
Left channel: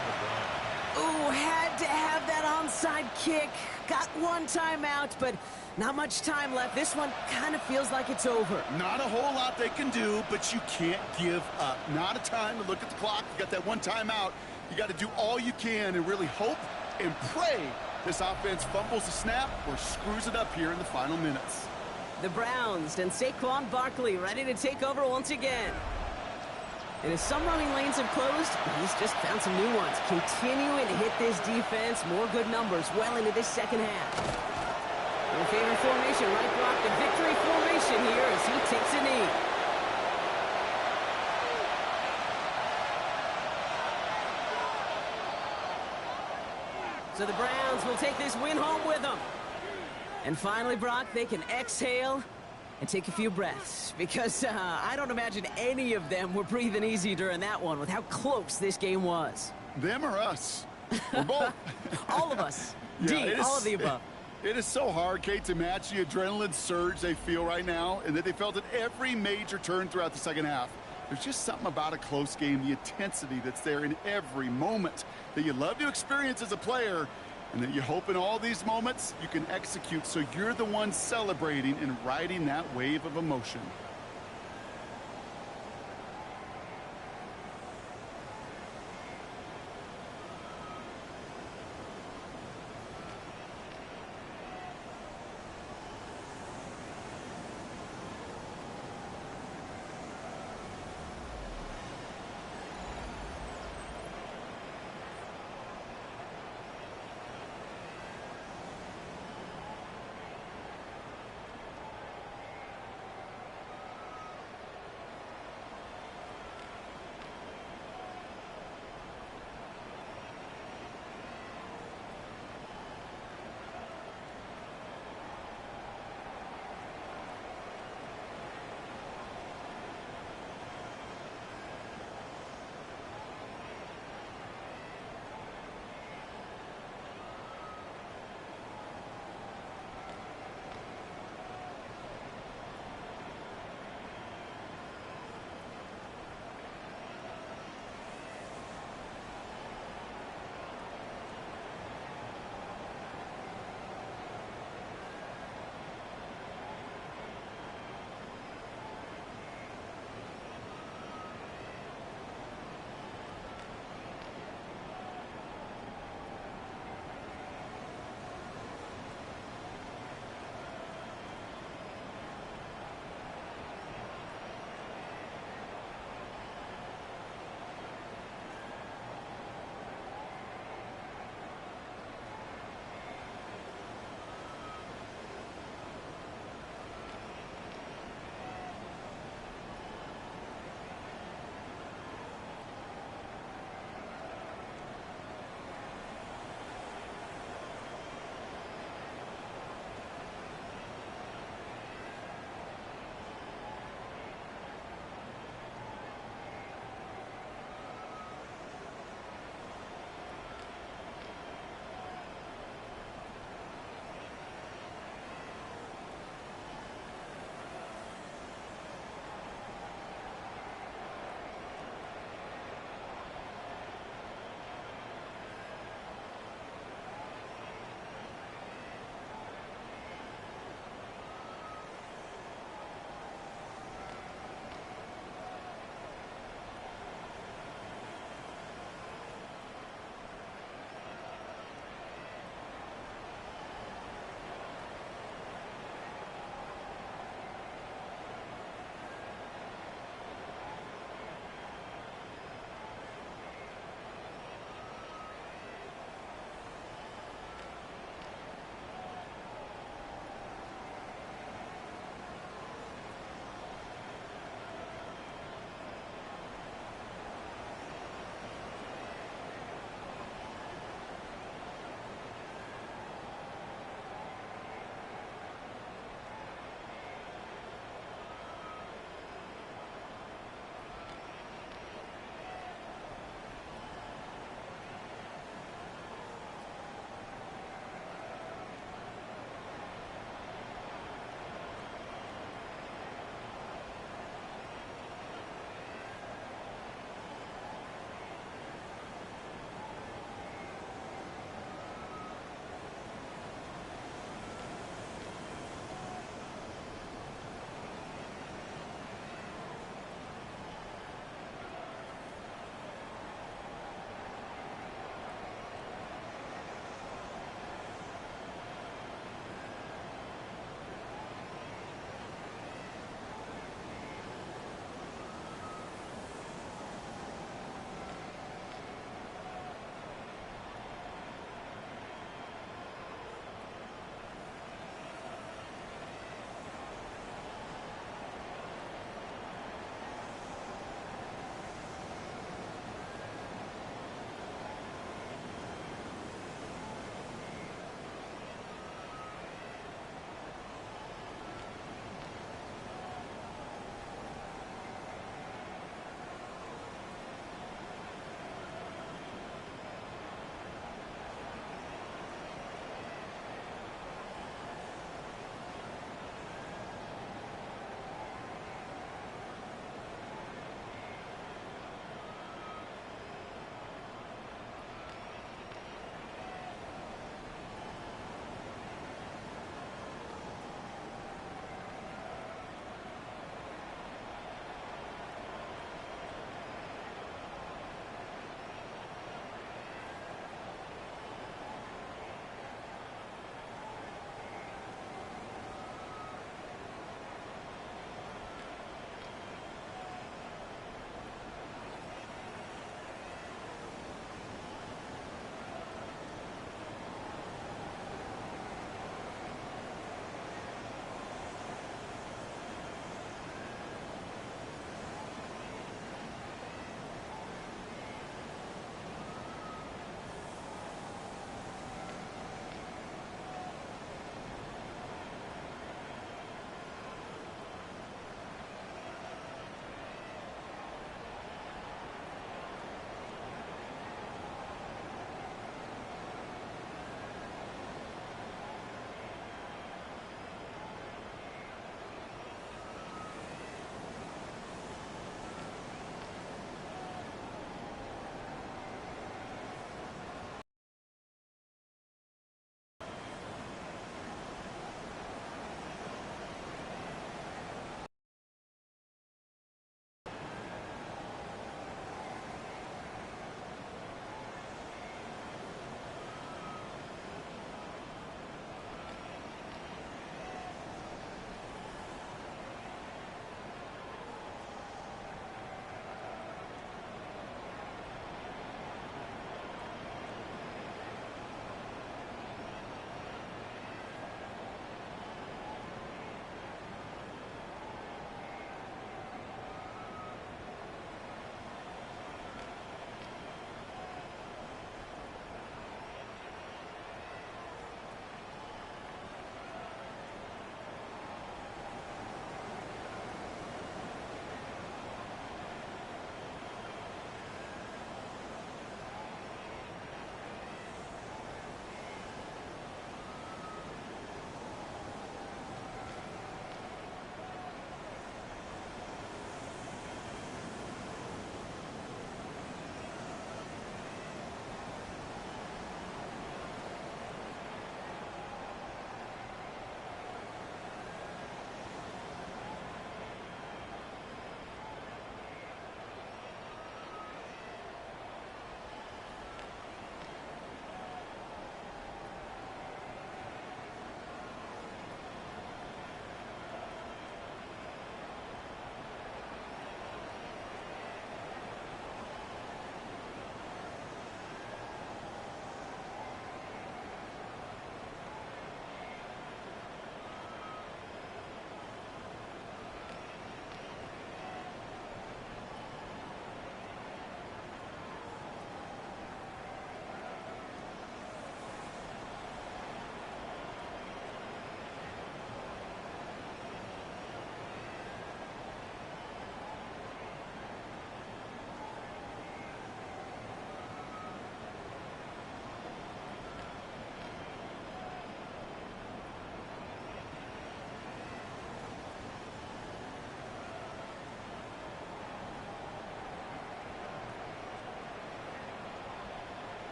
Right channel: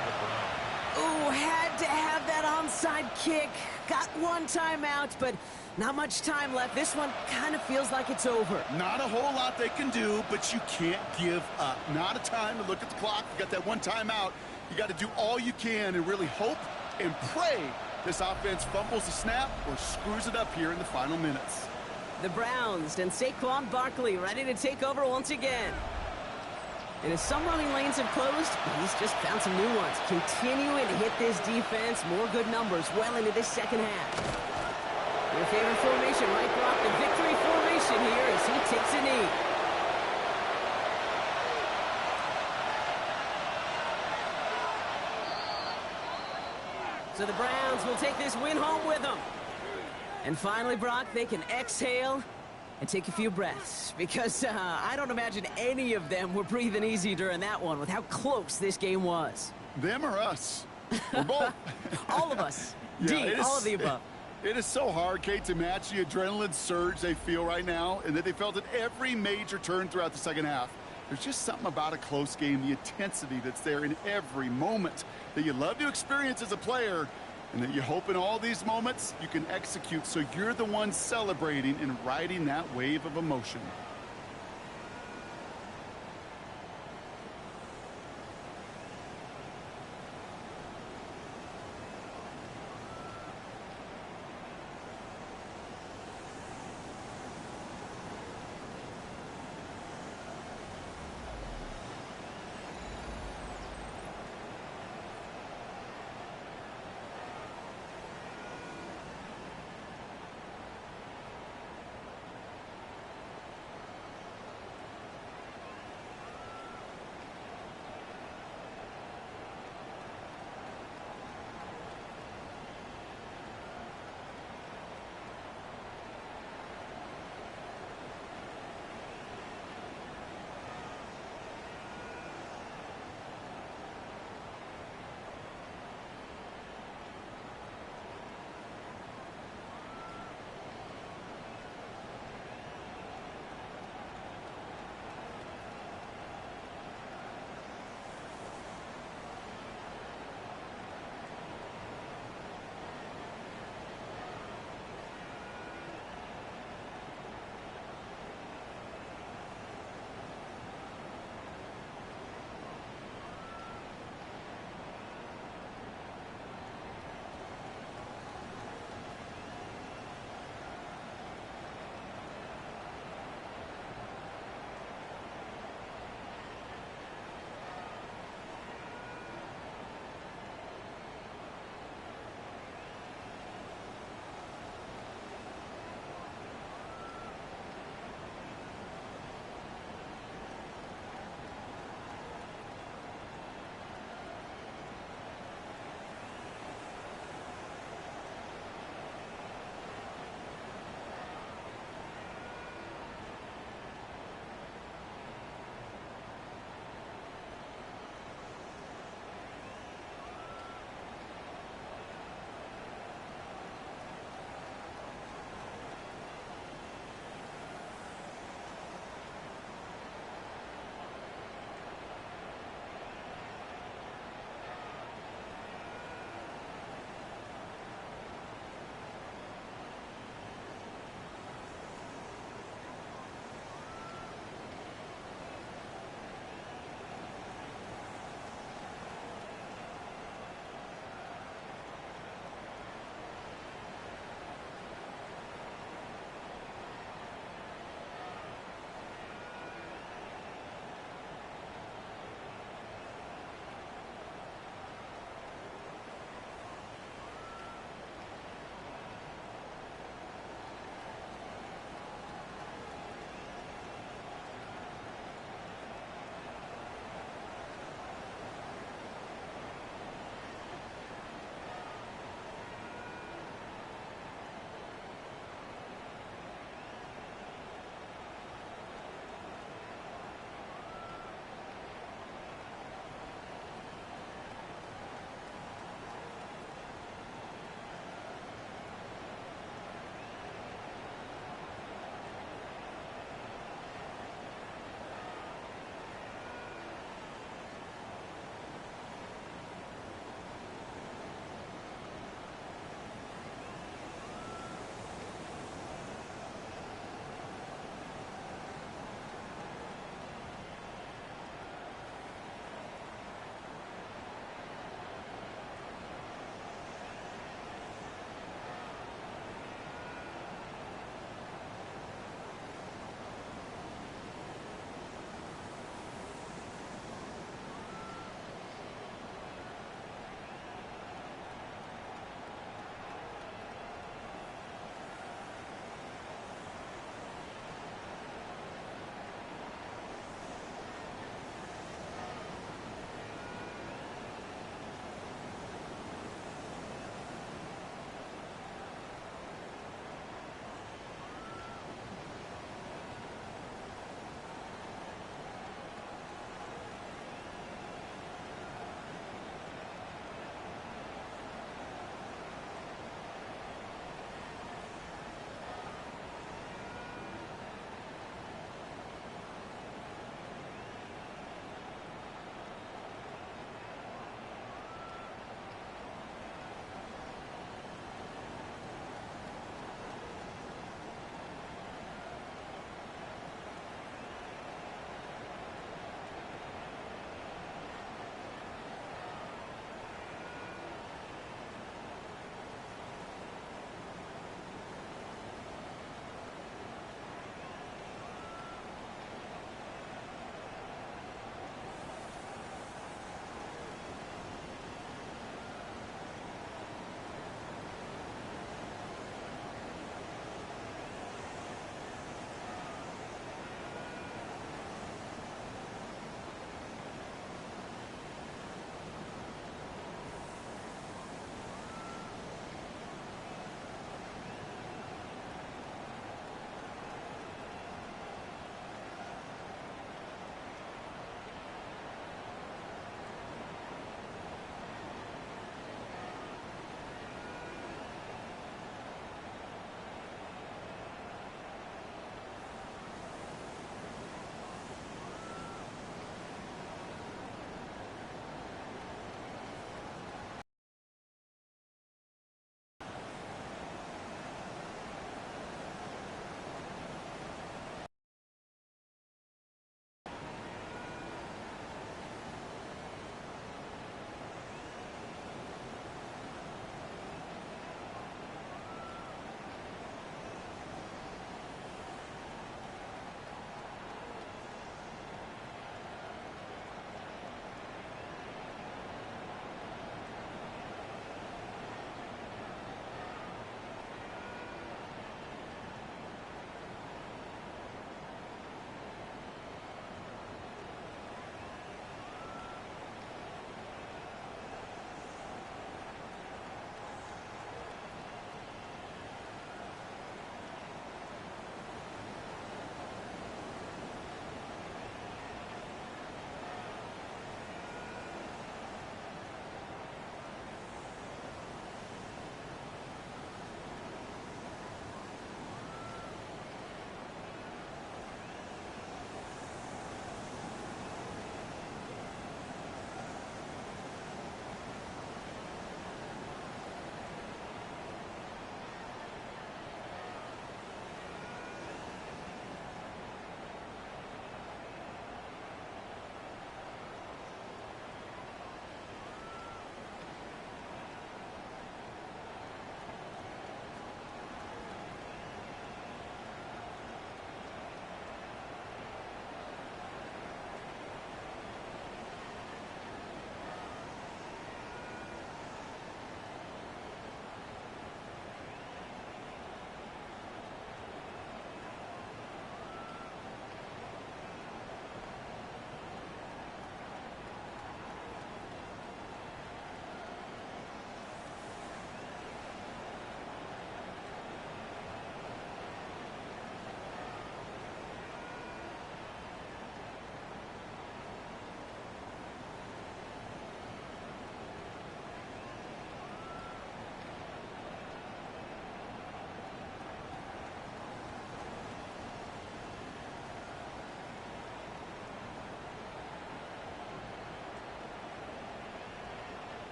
Ooh, had to have that onside kick. Got one timeout, but not much time left. This one kind of feels like it's over. Not a whole lot they can do, but you can't give up. Not a time to look at the clock. You got that one timeout. You got to do all you can and really hope and pray this offense fumbles the snap or screws it up here in the final minutes. The Browns and Saquon Barkley ready to take over once again. And as some running lanes have closed, he's just found some new ones. Continuing to hit this defense. More good numbers well into this second half. Your favorite formation, right, Brock? The victory formation here as he takes a knee. So the Browns will take this win home with them. And finally, Brock, they can exhale and take a few breaths, because I don't imagine any of them were breathing easy during that one with how close this game was. Them or us? Or both? All of us. Yeah, all of the above. It is so hard, Kate, to match the adrenaline surge they feel right now, and that they felt at every major turn throughout the second half. There's just something about a close game, the intensity that's there in every moment that you love to experience as a player, and that you hope in all these moments you can execute so you're the one celebrating and riding that wave of emotion.